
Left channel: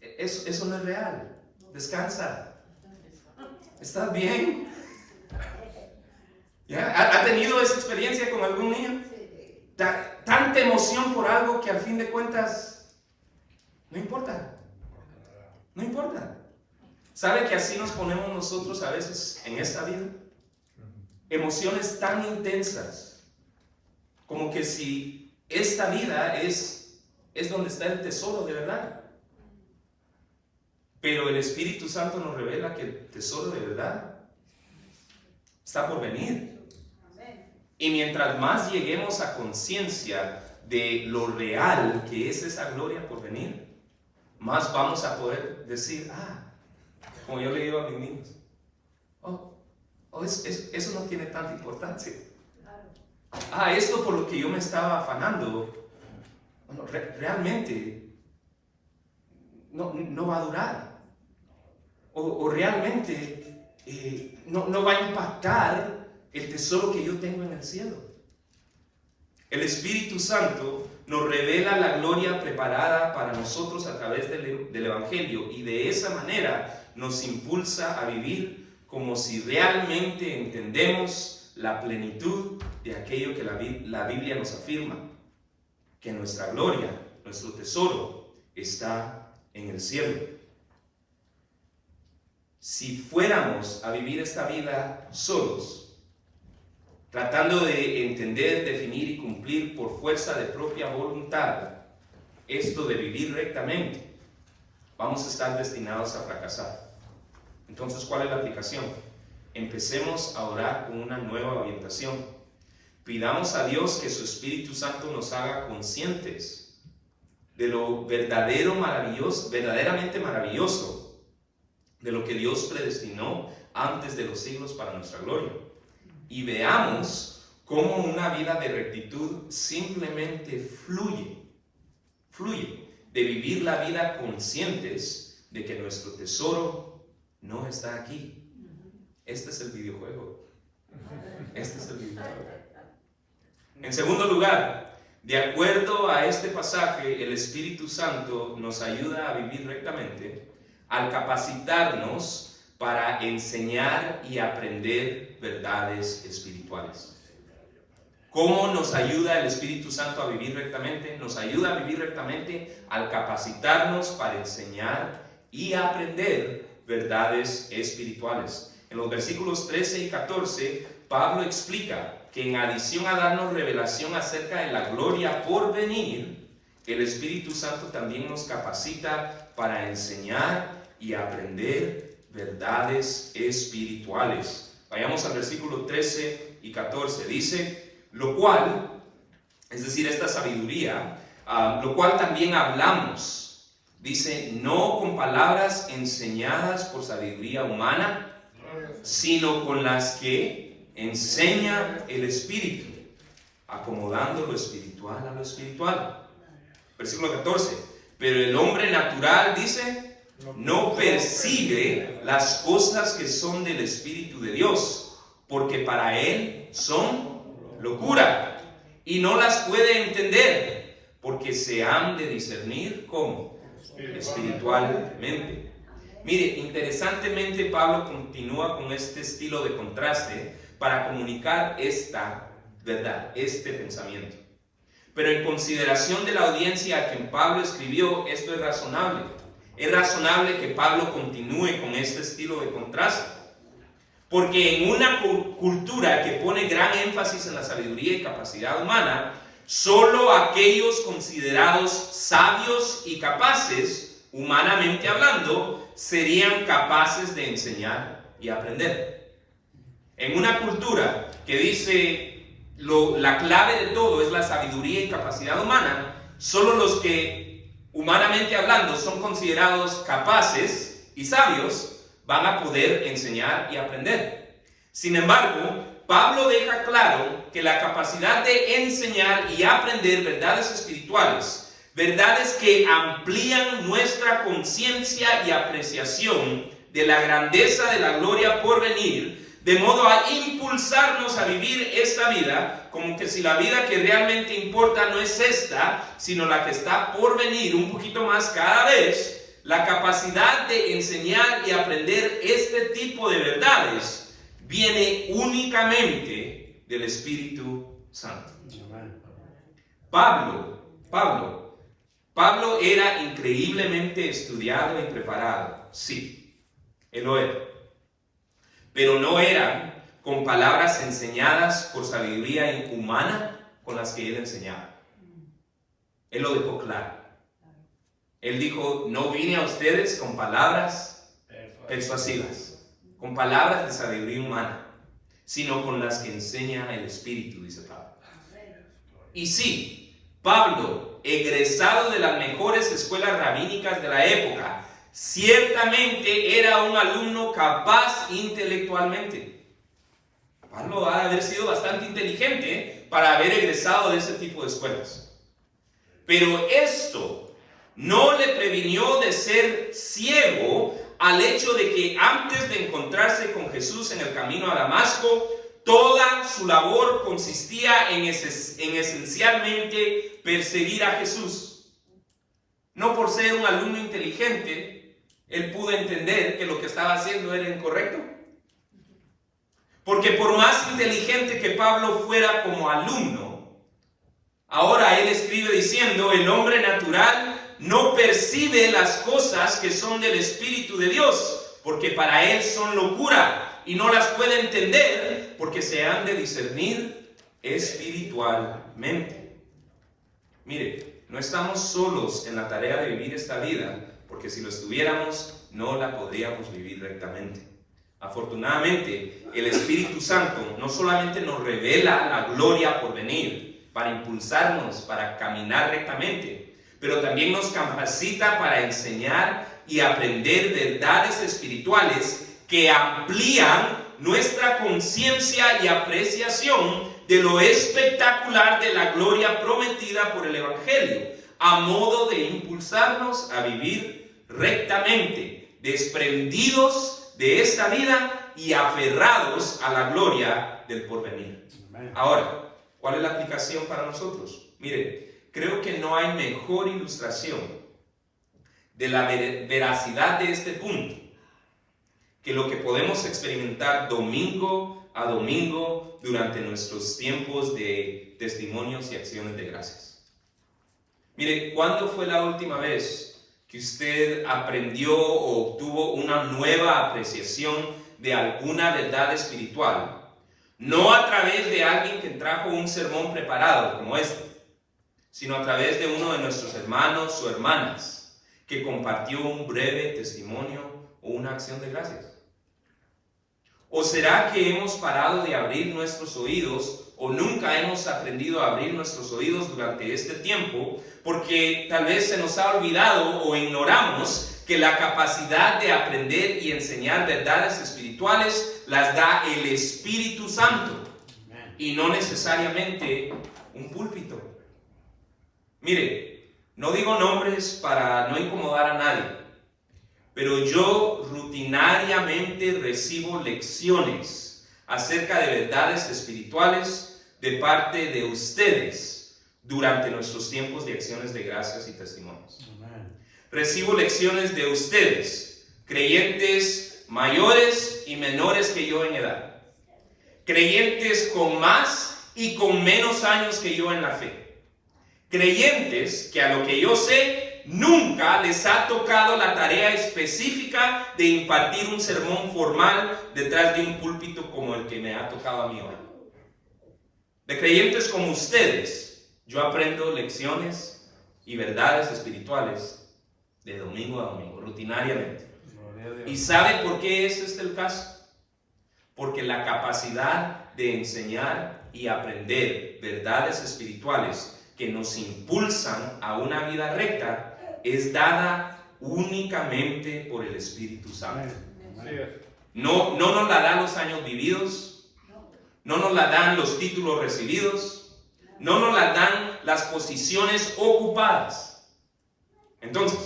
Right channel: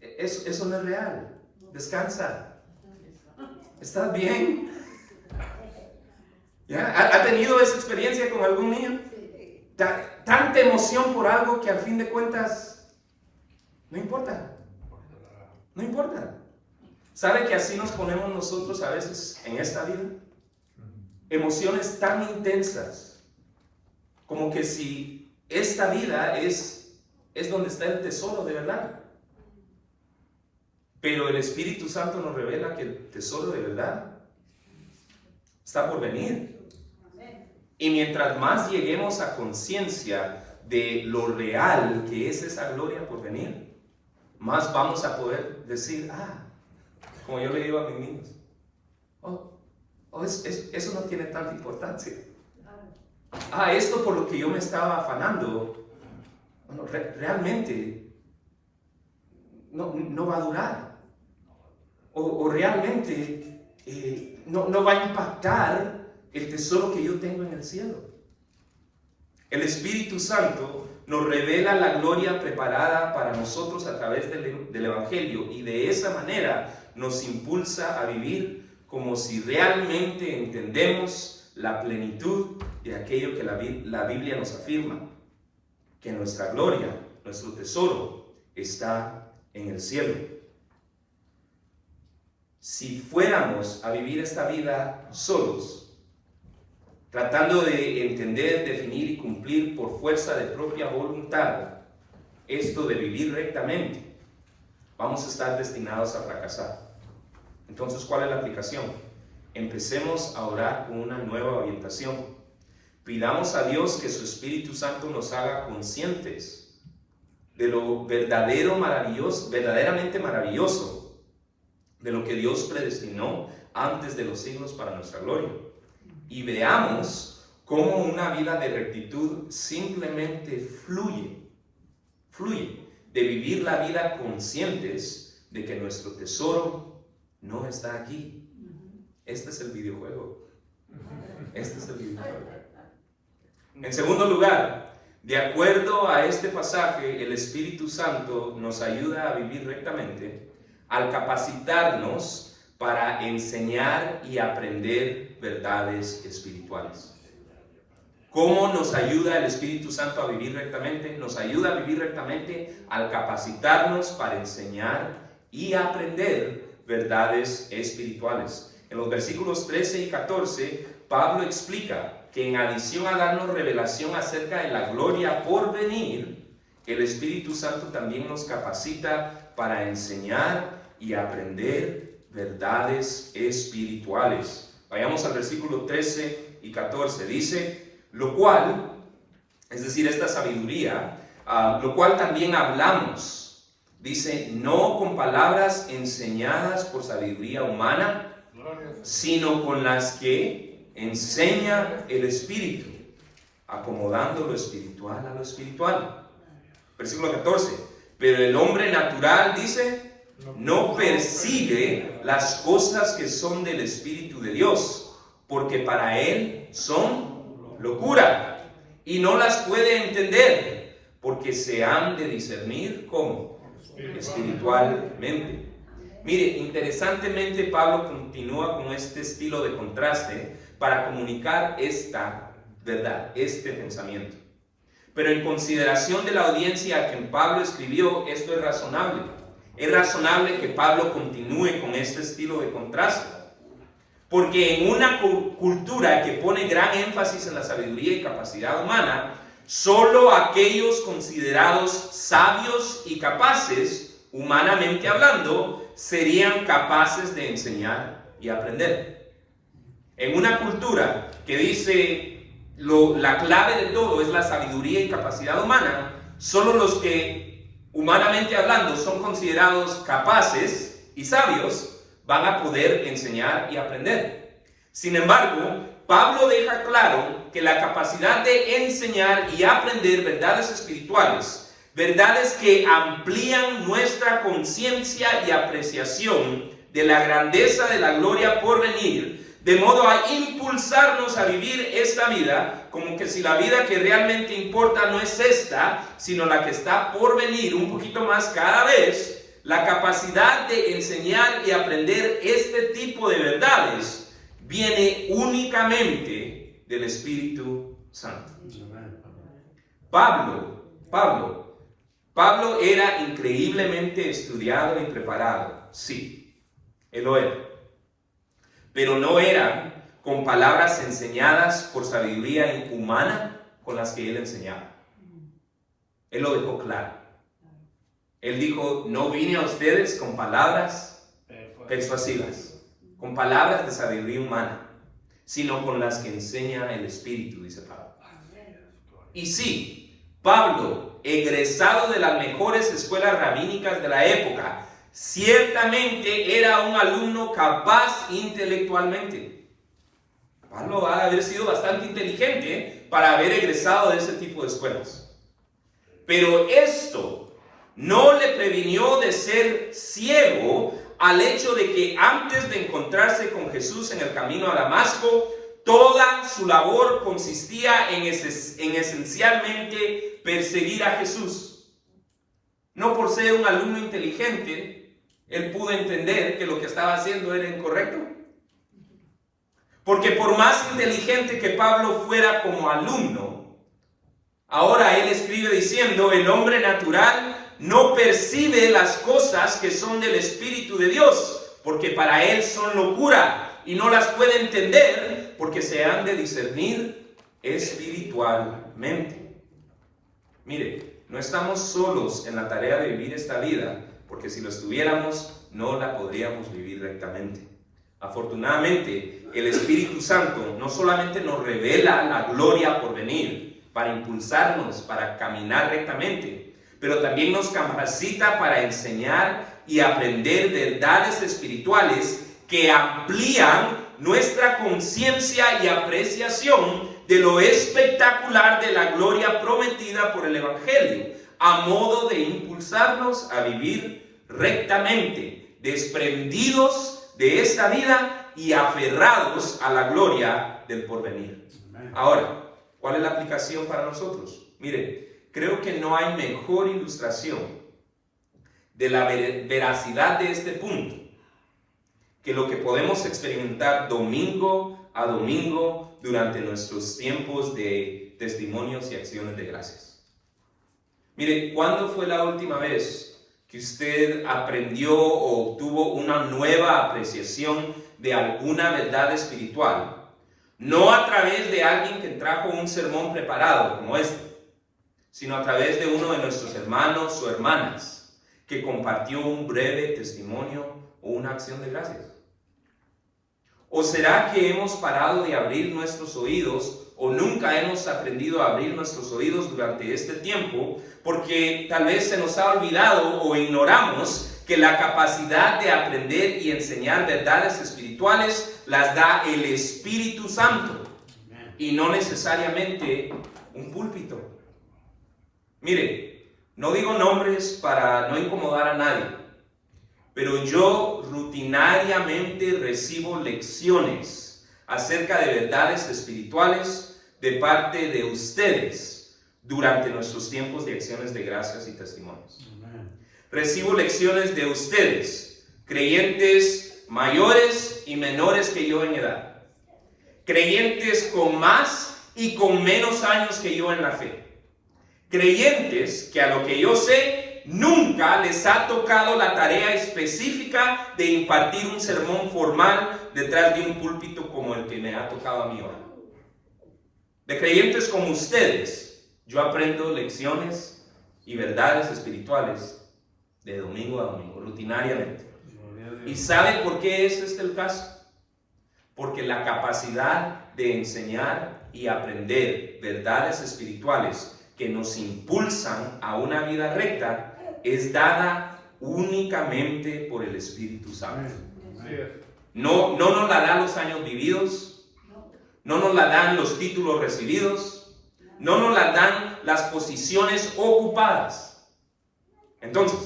Eso no es real. Descansa. ¿Estás bien? ¿Ya? ¿Ha tenido esa experiencia con algún niño? Tanta emoción por algo que al fin de cuentas no importa. No importa. ¿Sabe que así nos ponemos nosotros a veces en esta vida? Emociones tan intensas como que si esta vida es donde está el tesoro de verdad. Pero el Espíritu Santo nos revela que el tesoro de verdad está por venir. Y mientras más lleguemos a conciencia de lo real que es esa gloria por venir, más vamos a poder decir: como yo le digo a mis niños, eso no tiene tanta importancia. Esto por lo que yo me estaba afanando, realmente no va a durar. O realmente no va a impactar el tesoro que yo tengo en el cielo. El Espíritu Santo nos revela la gloria preparada para nosotros a través del Evangelio, y de esa manera nos impulsa a vivir como si realmente entendemos la plenitud de aquello que la Biblia nos afirma, que nuestra gloria, nuestro tesoro, está en el cielo. Si fuéramos a vivir esta vida solos, tratando de entender, definir y cumplir por fuerza de propia voluntad esto de vivir rectamente, vamos a estar destinados a fracasar. Entonces, ¿cuál es la aplicación? Empecemos a orar con una nueva orientación. Pidamos a Dios que su Espíritu Santo nos haga conscientes de lo verdaderamente maravilloso, de lo que Dios predestinó antes de los siglos para nuestra gloria. Y veamos cómo una vida de rectitud simplemente fluye de vivir la vida conscientes de que nuestro tesoro no está aquí. Este es el videojuego. En segundo lugar, de acuerdo a este pasaje, el Espíritu Santo nos ayuda a vivir rectamente al capacitarnos para enseñar y aprender verdades espirituales. ¿Cómo nos ayuda el Espíritu Santo a vivir rectamente? Nos ayuda a vivir rectamente al capacitarnos para enseñar y aprender verdades espirituales. En los versículos 13 y 14, Pablo explica que en adición a darnos revelación acerca de la gloria por venir, el Espíritu Santo también nos capacita para enseñar y aprender verdades espirituales. Vayamos al versículo 13 y 14. Dice: lo cual, es decir, esta sabiduría, lo cual también hablamos, dice, no con palabras enseñadas por sabiduría humana, sino con las que enseña el Espíritu, acomodando lo espiritual a lo espiritual. Versículo 14, pero el hombre natural, dice, no percibe las cosas que son del Espíritu de Dios, porque para él son locura, y no las puede entender, porque se han de discernir ¿cómo? Espiritualmente. Mire, interesantemente Pablo continúa con este estilo de contraste para comunicar esta verdad, este pensamiento. Pero en consideración de la audiencia a quien Pablo escribió, esto es razonable. Es razonable que Pablo continúe con este estilo de contraste. Porque en una cultura que pone gran énfasis en la sabiduría y capacidad humana, solo aquellos considerados sabios y capaces, humanamente hablando, serían capaces de enseñar y aprender. En una cultura que dice la clave de todo es la sabiduría y capacidad humana, solo los que humanamente hablando son considerados capaces y sabios van a poder enseñar y aprender. Sin embargo, Pablo deja claro que la capacidad de enseñar y aprender verdades espirituales, verdades que amplían nuestra conciencia y apreciación de la grandeza de la gloria por venir, de modo a impulsarnos a vivir esta vida como que si la vida que realmente importa no es esta, sino la que está por venir un poquito más cada vez. La capacidad de enseñar y aprender este tipo de verdades viene únicamente del Espíritu Santo. Pablo era increíblemente estudiado y preparado, sí, él lo era, pero no eran con palabras enseñadas por sabiduría humana con las que él enseñaba. Él lo dejó claro. Él dijo, no vine a ustedes con palabras persuasivas, con palabras de sabiduría humana, sino con las que enseña el Espíritu, dice Pablo. Y sí, Pablo, egresado de las mejores escuelas rabínicas de la época, ciertamente era un alumno capaz intelectualmente. Pablo ha de haber sido bastante inteligente para haber egresado de ese tipo de escuelas. Pero esto no le previnió de ser ciego al hecho de que antes de encontrarse con Jesús en el camino a Damasco, toda su labor consistía en esencialmente perseguir a Jesús. No por ser un alumno inteligente, él pudo entender que lo que estaba haciendo era incorrecto. Porque por más inteligente que Pablo fuera como alumno, ahora él escribe diciendo, el hombre natural no percibe las cosas que son del Espíritu de Dios, porque para él son locura, y no las puede entender, porque se han de discernir espiritualmente. Mire, no estamos solos en la tarea de vivir esta vida, porque si lo estuviéramos, no la podríamos vivir rectamente. Afortunadamente, el Espíritu Santo no solamente nos revela la gloria por venir, para impulsarnos, para caminar rectamente, pero también nos capacita para enseñar y aprender verdades espirituales que amplían nuestra conciencia y apreciación de lo espectacular de la gloria prometida por el Evangelio, a modo de impulsarnos a vivir rectamente, desprendidos de esta vida y aferrados a la gloria del porvenir. Ahora, ¿cuál es la aplicación para nosotros? Mire, creo que no hay mejor ilustración de la veracidad de este punto que lo que podemos experimentar domingo a domingo durante nuestros tiempos de testimonios y acciones de gracias. Mire, ¿cuándo fue la última vez que usted aprendió o obtuvo una nueva apreciación de alguna verdad espiritual? No a través de alguien que trajo un sermón preparado como este, sino a través de uno de nuestros hermanos o hermanas que compartió un breve testimonio o una acción de gracias. ¿O será que hemos parado de abrir nuestros oídos o nunca hemos aprendido a abrir nuestros oídos durante este tiempo porque tal vez se nos ha olvidado o ignoramos que la capacidad de aprender y enseñar verdades espirituales las da el Espíritu Santo y no necesariamente un púlpito? Mire, no digo nombres para no incomodar a nadie, pero yo rutinariamente recibo lecciones acerca de verdades espirituales de parte de ustedes durante nuestros tiempos de acciones de gracias y testimonios. Recibo lecciones de ustedes, creyentes mayores y menores que yo en edad, creyentes con más y con menos años que yo en la fe, creyentes que a lo que yo sé nunca les ha tocado la tarea específica de impartir un sermón formal detrás de un púlpito como el que me ha tocado a mí hoy. De creyentes como ustedes, yo aprendo lecciones y verdades espirituales de domingo a domingo, rutinariamente. ¿Y sabe por qué es este el caso? Porque la capacidad de enseñar y aprender verdades espirituales que nos impulsan a una vida recta es dada únicamente por el Espíritu Santo. No nos la dan los años vividos, no nos la dan los títulos recibidos, no nos la dan las posiciones ocupadas. Entonces,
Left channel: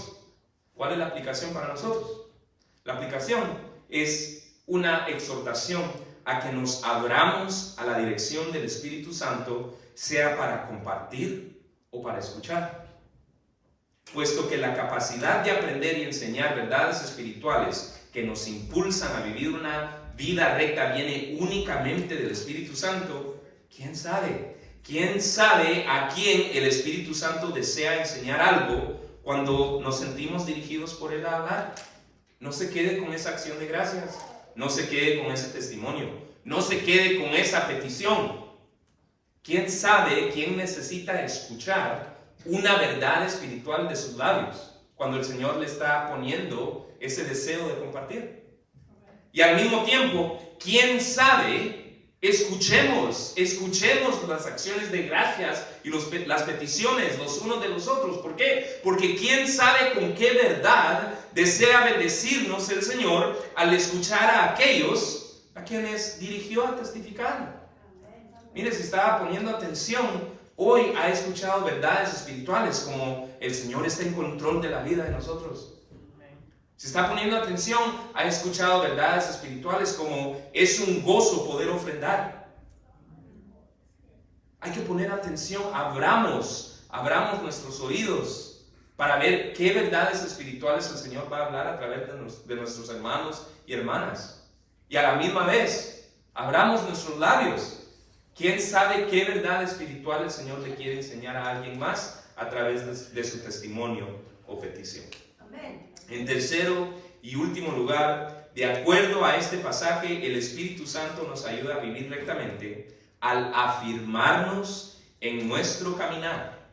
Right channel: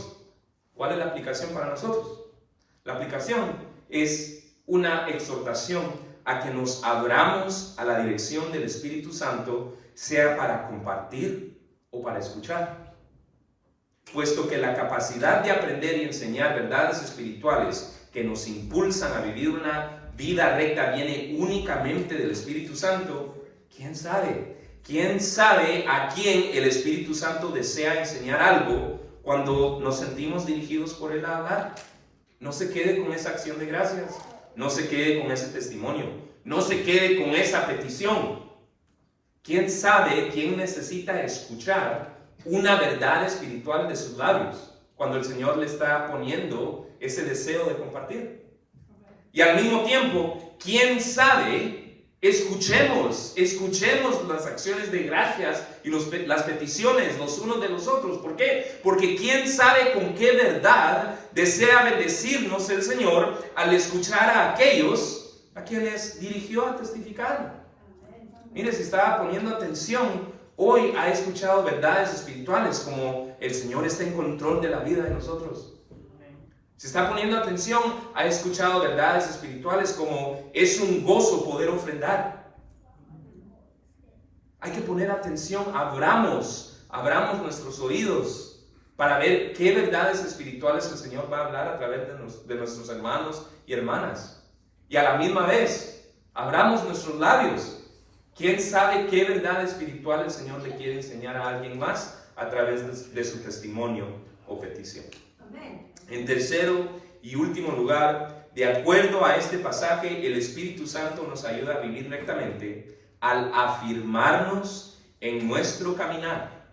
¿cuál es la aplicación para nosotros? La aplicación es una exhortación a que nos abramos a la dirección del Espíritu Santo, sea para compartir o para escuchar. Puesto que la capacidad de aprender y enseñar verdades espirituales que nos impulsan a vivir una vida recta viene únicamente del Espíritu Santo, ¿quién sabe? ¿Quién sabe a quién el Espíritu Santo desea enseñar algo cuando nos sentimos dirigidos por Él a hablar? No se quede con esa acción de gracias, no se quede con ese testimonio, no se quede con esa petición. ¿Quién sabe quién necesita escuchar una verdad espiritual de sus labios cuando el Señor le está poniendo ese deseo de compartir? Y al mismo tiempo, ¿quién sabe? Escuchemos las acciones de gracias y las peticiones los unos de los otros. ¿Por qué? Porque quién sabe con qué verdad desea bendecirnos el Señor al escuchar a aquellos a quienes dirigió a testificar. Mire, si estaba poniendo atención, hoy ha escuchado verdades espirituales como el Señor está en control de la vida de nosotros. Si está poniendo atención, ha escuchado verdades espirituales como es un gozo poder ofrendar. Hay que poner atención, abramos nuestros oídos para ver qué verdades espirituales el Señor va a hablar a través de nuestros hermanos y hermanas. Y a la misma vez, abramos nuestros labios. ¿Quién sabe qué verdad espiritual el Señor le quiere enseñar a alguien más a través de su testimonio o petición. En tercero y último lugar, de acuerdo a este pasaje, el Espíritu Santo nos ayuda a vivir rectamente al afirmarnos en nuestro caminar.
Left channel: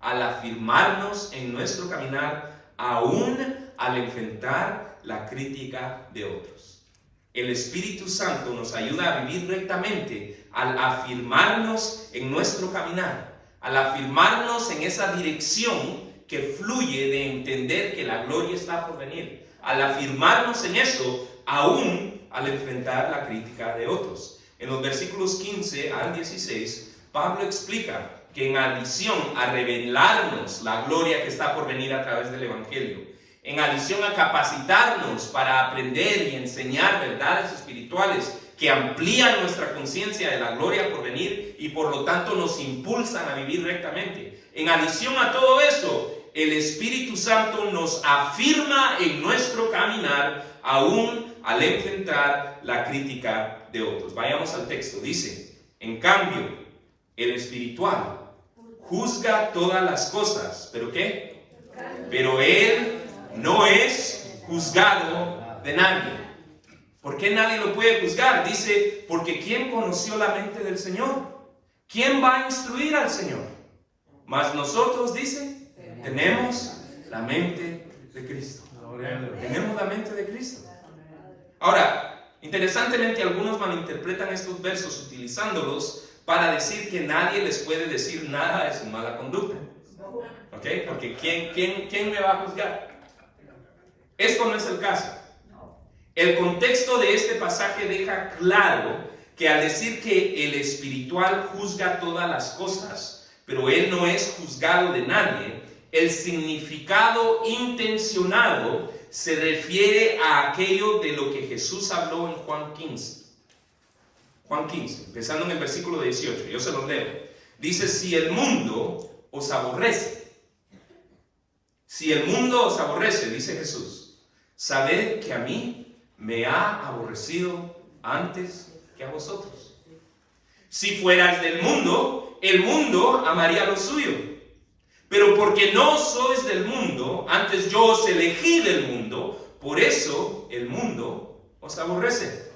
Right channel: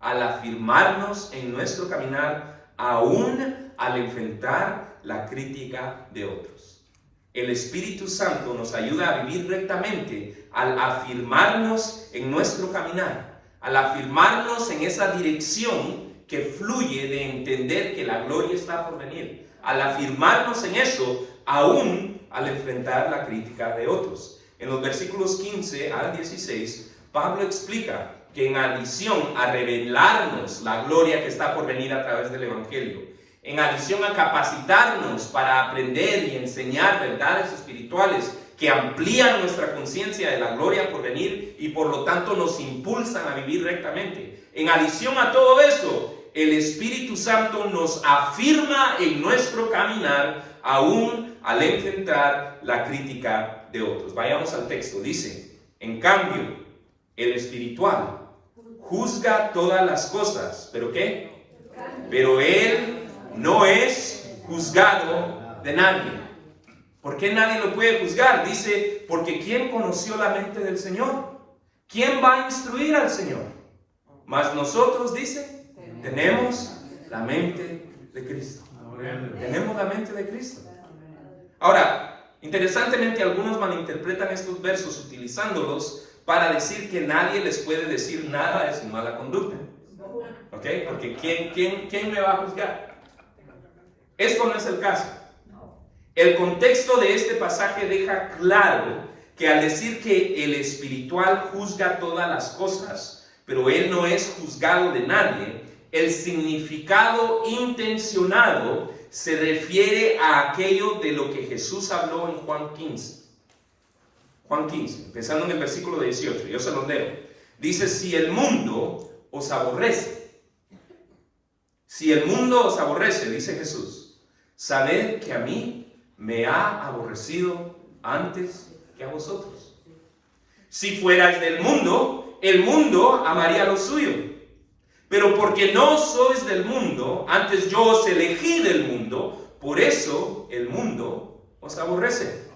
Al afirmarnos en nuestro caminar, aún al enfrentar la crítica de otros. El Espíritu Santo nos ayuda a vivir rectamente al afirmarnos en nuestro caminar, al afirmarnos en esa dirección que fluye de entender que la gloria está por venir, al afirmarnos en eso, aún al enfrentar la crítica de otros. En los versículos 15 al 16, Pablo explica que en adición a revelarnos la gloria que está por venir a través del Evangelio, en adición a capacitarnos para aprender y enseñar verdades espirituales que amplían nuestra conciencia de la gloria por venir y por lo tanto nos impulsan a vivir rectamente, en adición a todo eso, el Espíritu Santo nos afirma en nuestro caminar, aún al enfrentar la crítica de otros. Vayamos al texto. Dice, en cambio, el espiritual juzga todas las cosas. ¿Pero qué? Pero él no es juzgado de nadie. ¿Por qué nadie lo puede juzgar? Dice, porque ¿quién conoció la mente del Señor? ¿Quién va a instruir al Señor? Mas nosotros, dice, tenemos la mente de Cristo. Tenemos la mente de Cristo. Ahora, interesantemente, algunos malinterpretan estos versos utilizándolos para decir que nadie les puede decir nada de su mala conducta. ¿Ok? Porque ¿quién me va a juzgar? Esto no es el caso. El contexto de este pasaje deja claro que al decir que el espiritual juzga todas las cosas, pero él no es juzgado de nadie, el significado intencionado se refiere a aquello de lo que Jesús habló en Juan 15. Juan 15, empezando en el versículo 18, yo se los leo. Dice, si el mundo os aborrece, dice Jesús, sabed que a mí me ha aborrecido antes que a vosotros. Si fuerais del mundo, el mundo amaría lo suyo. Pero porque no sois del mundo, antes yo os elegí del mundo, por eso el mundo os aborrece.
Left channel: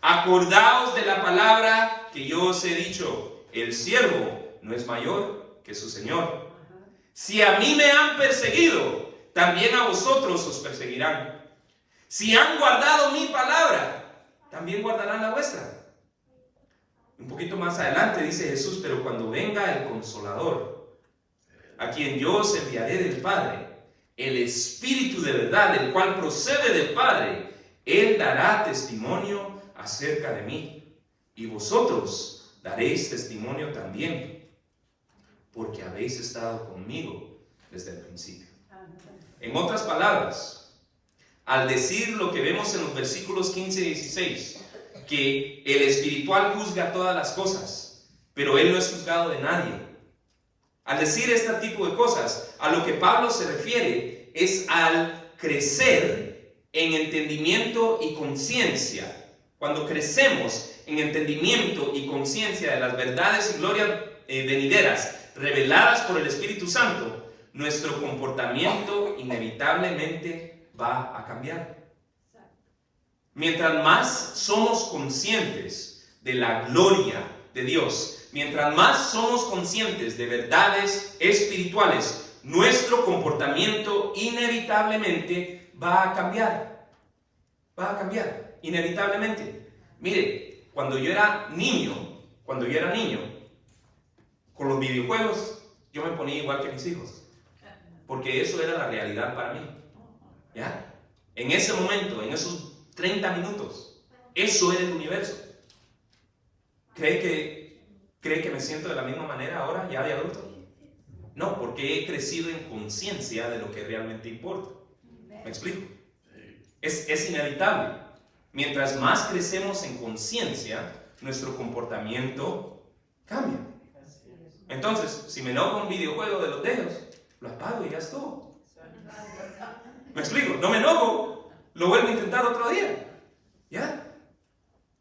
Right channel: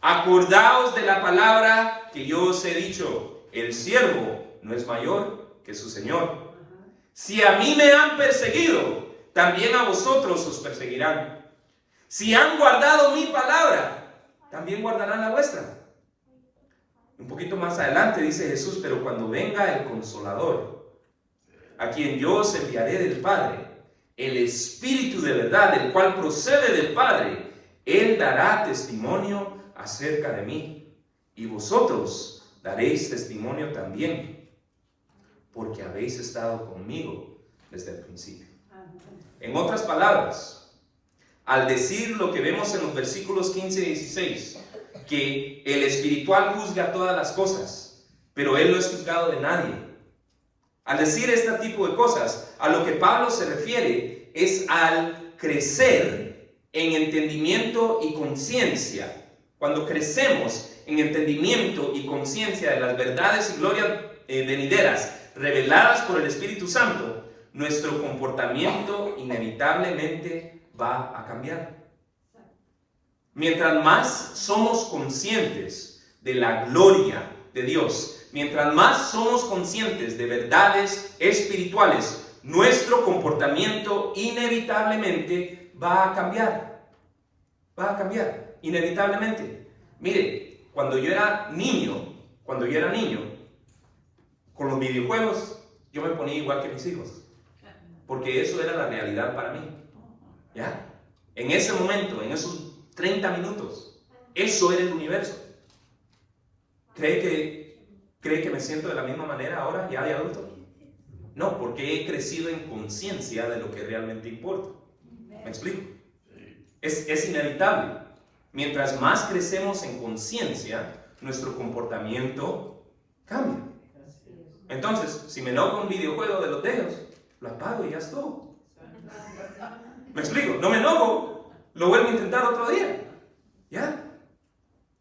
Acordaos de la palabra que yo os he dicho, el siervo no es mayor que su Señor. Si a mí me han perseguido, también a vosotros os perseguirán. Si han guardado mi palabra, también guardarán la vuestra. Un poquito más adelante dice Jesús, pero cuando venga el Consolador, a quien yo os enviaré del Padre, el Espíritu de verdad, el cual procede del Padre, Él dará testimonio acerca de mí, y vosotros daréis testimonio también, porque habéis estado conmigo desde el principio. En otras palabras, al decir lo que vemos en los versículos 15 y 16, que el espiritual juzga todas las cosas, pero Él no es juzgado de nadie. Al decir este tipo de cosas, a lo que Pablo se refiere es al crecer en entendimiento y conciencia. Cuando crecemos en entendimiento y conciencia de las verdades y glorias venideras reveladas por el Espíritu Santo, nuestro comportamiento inevitablemente va a cambiar. Mientras más somos conscientes de la gloria de Dios, mientras más somos conscientes de verdades espirituales, nuestro comportamiento inevitablemente va a cambiar. Va a cambiar, inevitablemente. Mire, cuando yo era niño, con los videojuegos, yo me ponía igual que mis hijos. Porque eso era la realidad para mí. ¿Ya? En ese momento, en esos 30 minutos, eso era el universo. ¿Cree que me siento de la misma manera ahora, ya de adulto? No, porque he crecido en conciencia de lo que realmente importa. ¿Me explico? Es inevitable. Mientras más crecemos en conciencia, nuestro comportamiento cambia. Entonces, si me enojo un videojuego de los dedos, lo apago y ya es todo. ¿Me explico? No me enojo, lo vuelvo a intentar otro día. ¿Ya?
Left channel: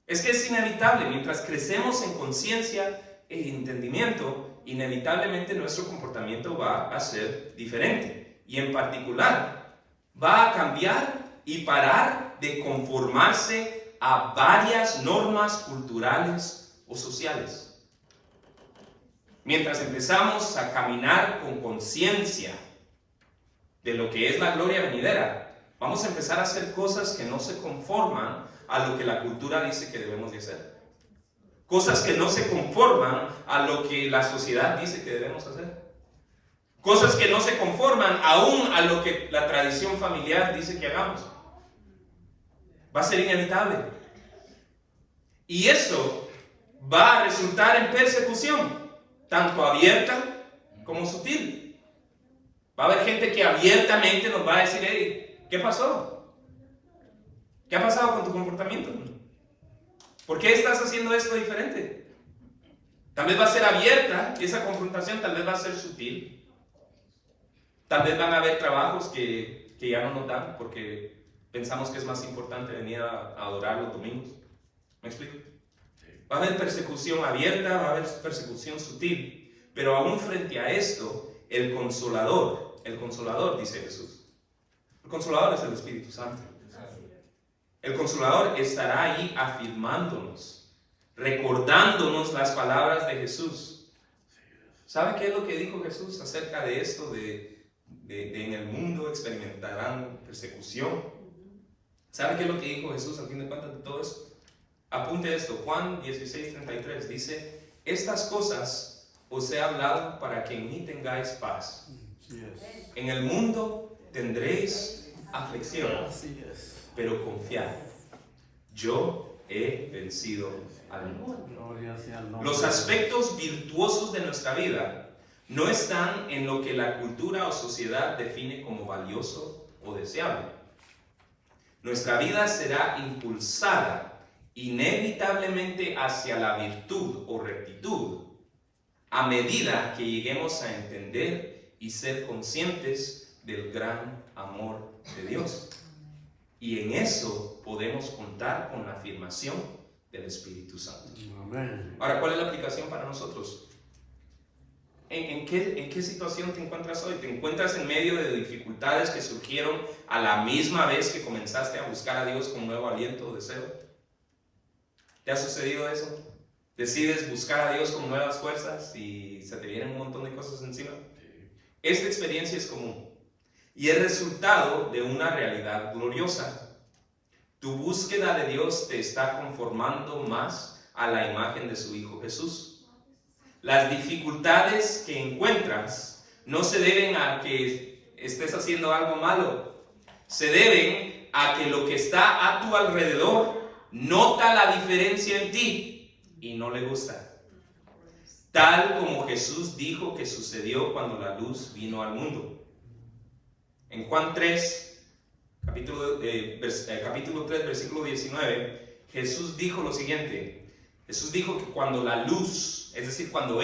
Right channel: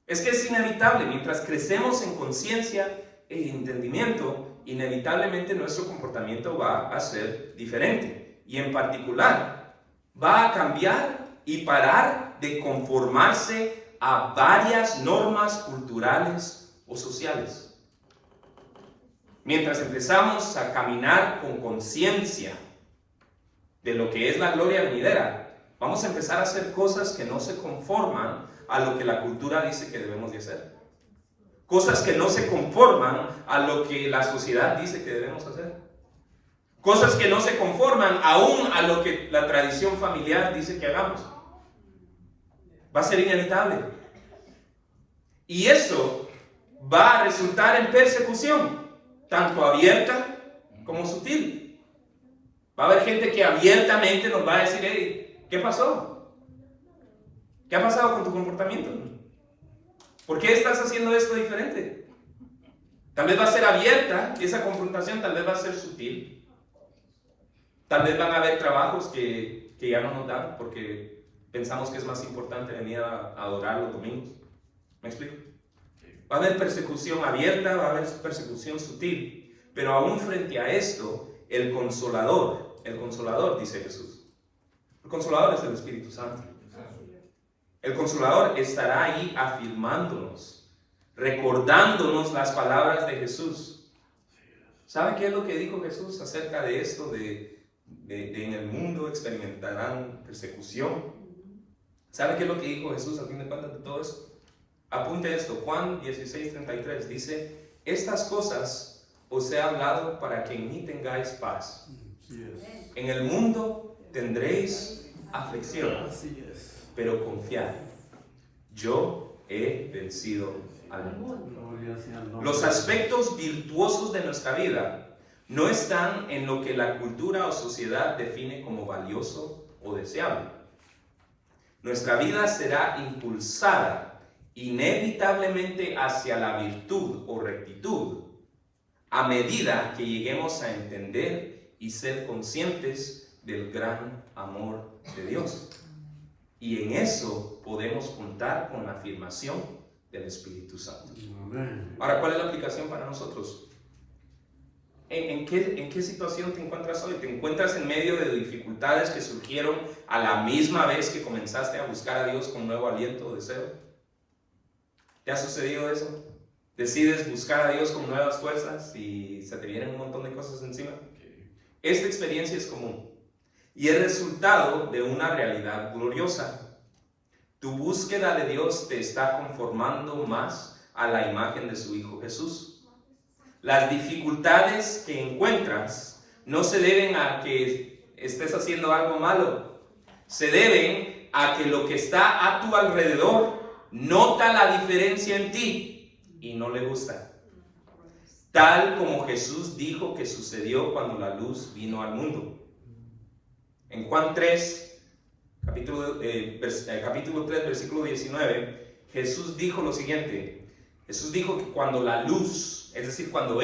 Es que es inevitable. Mientras crecemos en conciencia e entendimiento, inevitablemente nuestro comportamiento va a ser diferente. y en particular va a cambiar y parar de conformarse a varias normas culturales o sociales. Mientras empezamos a caminar con conciencia de lo que es la gloria venidera, vamos a empezar a hacer cosas que no se conforman a lo que la cultura dice que debemos de hacer. Cosas que no se conforman a lo que la sociedad dice que debemos hacer. Cosas que no se conforman aún a lo que la tradición familiar dice que hagamos. Va a ser inevitable. Y eso va a resultar en persecución, tanto abierta como sutil. Va a haber gente que abiertamente nos va a decir, hey, ¿qué pasó? ¿Qué ha pasado con tu comportamiento? ¿Por qué estás haciendo esto diferente? Tal vez va a ser abierta, esa confrontación tal vez va a ser sutil. Tal vez van a haber trabajos que ya no nos dan porque pensamos que es más importante venir a adorar los domingos. ¿Me explico? Va a haber persecución abierta, va a haber persecución sutil. Pero aún frente a esto, el consolador, dice Jesús. El consolador es el Espíritu Santo. El consolador estará ahí afirmándonos, recordándonos las palabras de Jesús. ¿Sabe qué es lo que dijo Jesús acerca de esto de en el mundo experimentarán persecución? ¿Sabe qué es lo que dijo Jesús al fin de cuentas de todo esto? Apunte esto, Juan 16:33 dice, estas cosas os he hablado para que en mí tengáis paz. En el mundo tendréis aflicción, pero confiad, yo he vencido al mundo. Los aspectos virtuosos de nuestra vida no están en lo que la cultura o sociedad define como valioso o deseable. Nuestra vida será impulsada inevitablemente hacia la virtud o rectitud a medida que lleguemos a entender y ser conscientes del gran amor de Dios. Y en eso podemos contar con la afirmación del Espíritu Santo. Ahora, ¿cuál es la aplicación para nosotros? ¿En qué situación te encuentras hoy? ¿Te encuentras en medio de dificultades que surgieron a la misma vez que comenzaste a buscar a Dios con nuevo aliento o deseo? ¿Te ha sucedido eso? ¿Decides buscar a Dios con nuevas fuerzas y se te vienen un montón de cosas encima? Esta experiencia es común y es resultado de una realidad gloriosa. Tu búsqueda de Dios te está conformando más a la imagen de su Hijo Jesús. Las dificultades que encuentras no se deben a que estés haciendo algo malo. Se deben a que lo que está a tu alrededor nota la diferencia en ti y no le gusta. Tal como Jesús dijo que sucedió cuando la luz vino al mundo. En Juan 3, capítulo 3, versículo 19, Jesús dijo lo siguiente. Jesús dijo que cuando la luz, es decir, cuando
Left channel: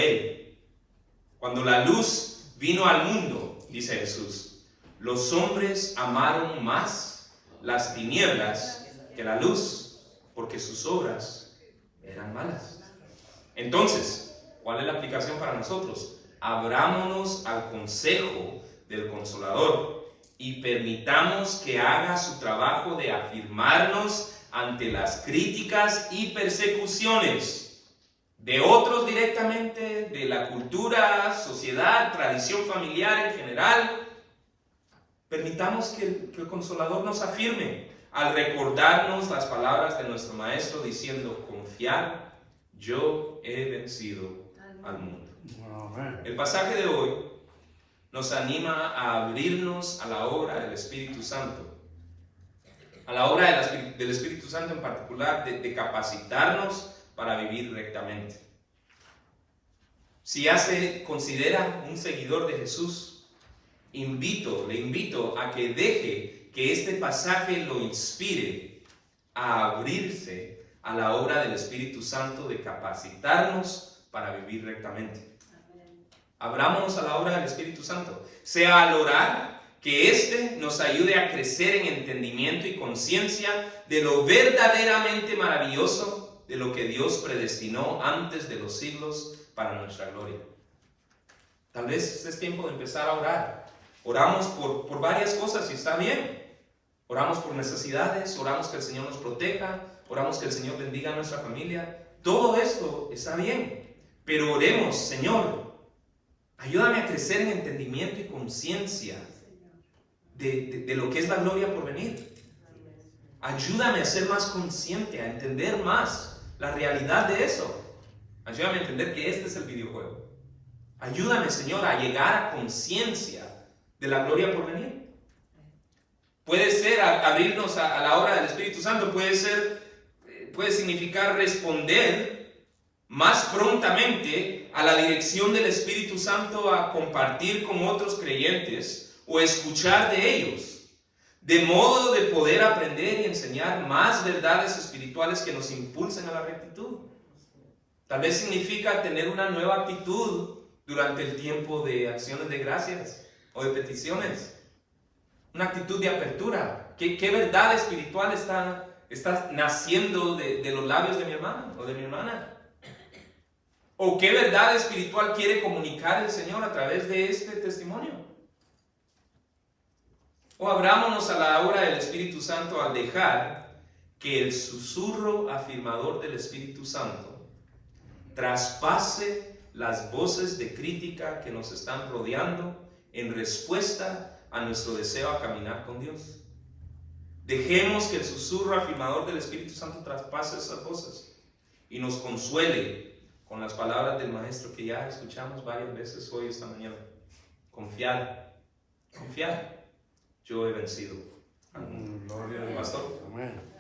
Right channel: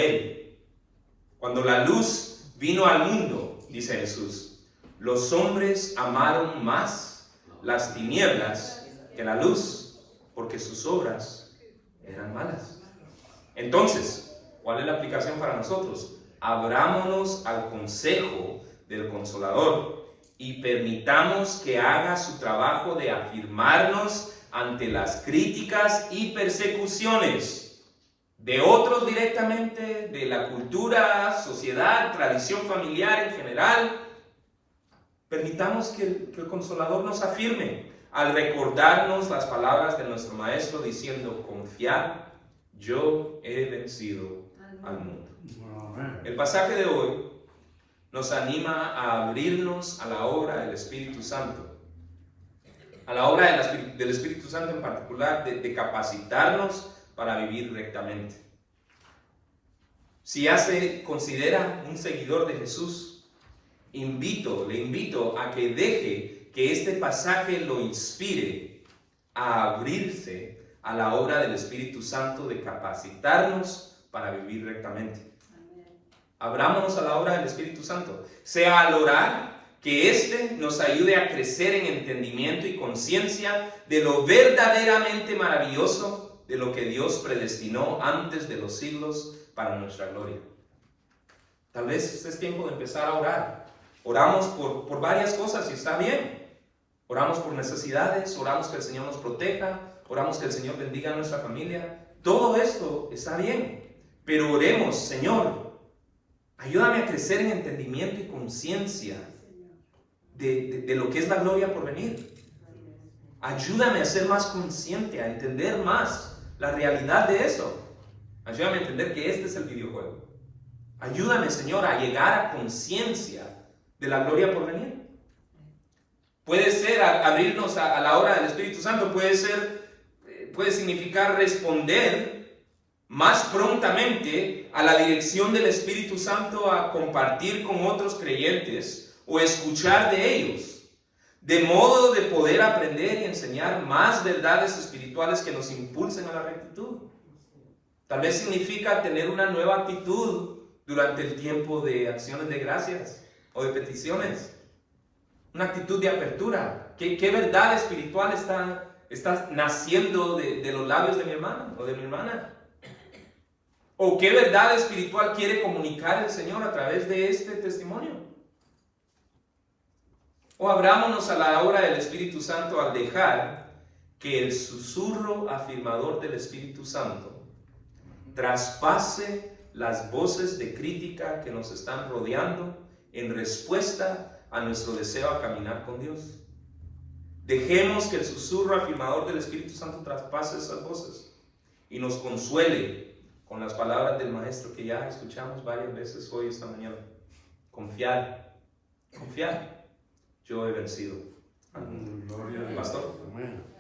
la luz vino al mundo, dice Jesús, los hombres amaron más las tinieblas que la luz, porque sus obras eran malas. Entonces, ¿cuál es la aplicación para nosotros? Abrámonos al consejo del Consolador y permitamos que haga su trabajo de afirmarnos ante las críticas y persecuciones de otros directamente, de la cultura, sociedad, tradición familiar en general. Permitamos que el Consolador nos afirme al recordarnos las palabras de nuestro Maestro diciendo, confiad, yo he vencido al mundo. El pasaje de hoy nos anima a abrirnos a la obra del Espíritu Santo. A la obra del Espíritu Santo en particular, de capacitarnos para vivir rectamente. Si ya se considera un seguidor de Jesús, le invito a que deje que este pasaje lo inspire a abrirse a la obra del Espíritu Santo de capacitarnos para vivir rectamente. Abrámonos a la obra del Espíritu Santo, sea al orar, que éste nos ayude a crecer en entendimiento y conciencia de lo verdaderamente maravilloso de lo que Dios predestinó antes de los siglos para nuestra gloria. Tal vez es tiempo de empezar a orar Oramos por varias cosas y está bien. Oramos por necesidades, oramos que el Señor nos proteja, oramos que el Señor bendiga a nuestra familia. Todo esto está bien, pero oremos, Señor, ayúdame a crecer en entendimiento y conciencia de lo que es la gloria por venir. Ayúdame a ser más consciente, a entender más la realidad de eso. Ayúdame a entender que este es el videojuego. Ayúdame, Señor, a llegar a conciencia de la gloria por venir. Puede ser abrirnos a la obra del Espíritu Santo, puede significar responder más prontamente a la dirección del Espíritu Santo a compartir con otros creyentes o escuchar de ellos, de modo de poder aprender y enseñar más verdades espirituales que nos impulsen a la rectitud. Tal vez significa tener una nueva actitud durante el tiempo de acciones de gracias o de peticiones. Una actitud de apertura. ¿Qué verdad espiritual está naciendo de los labios de mi hermano o de mi hermana? ¿O qué verdad espiritual quiere comunicar el Señor a través de este testimonio? O abrámonos a la obra del Espíritu Santo al dejar que el susurro afirmador del Espíritu Santo traspase las voces de crítica que nos están rodeando en respuesta a nuestro deseo a caminar con Dios. Dejemos que el susurro afirmador del Espíritu Santo traspase esas voces y nos consuele con las palabras del Maestro que ya escuchamos varias veces hoy esta mañana. Confiar, confiar. Yo he vencido al mundo. Pastor. Amén.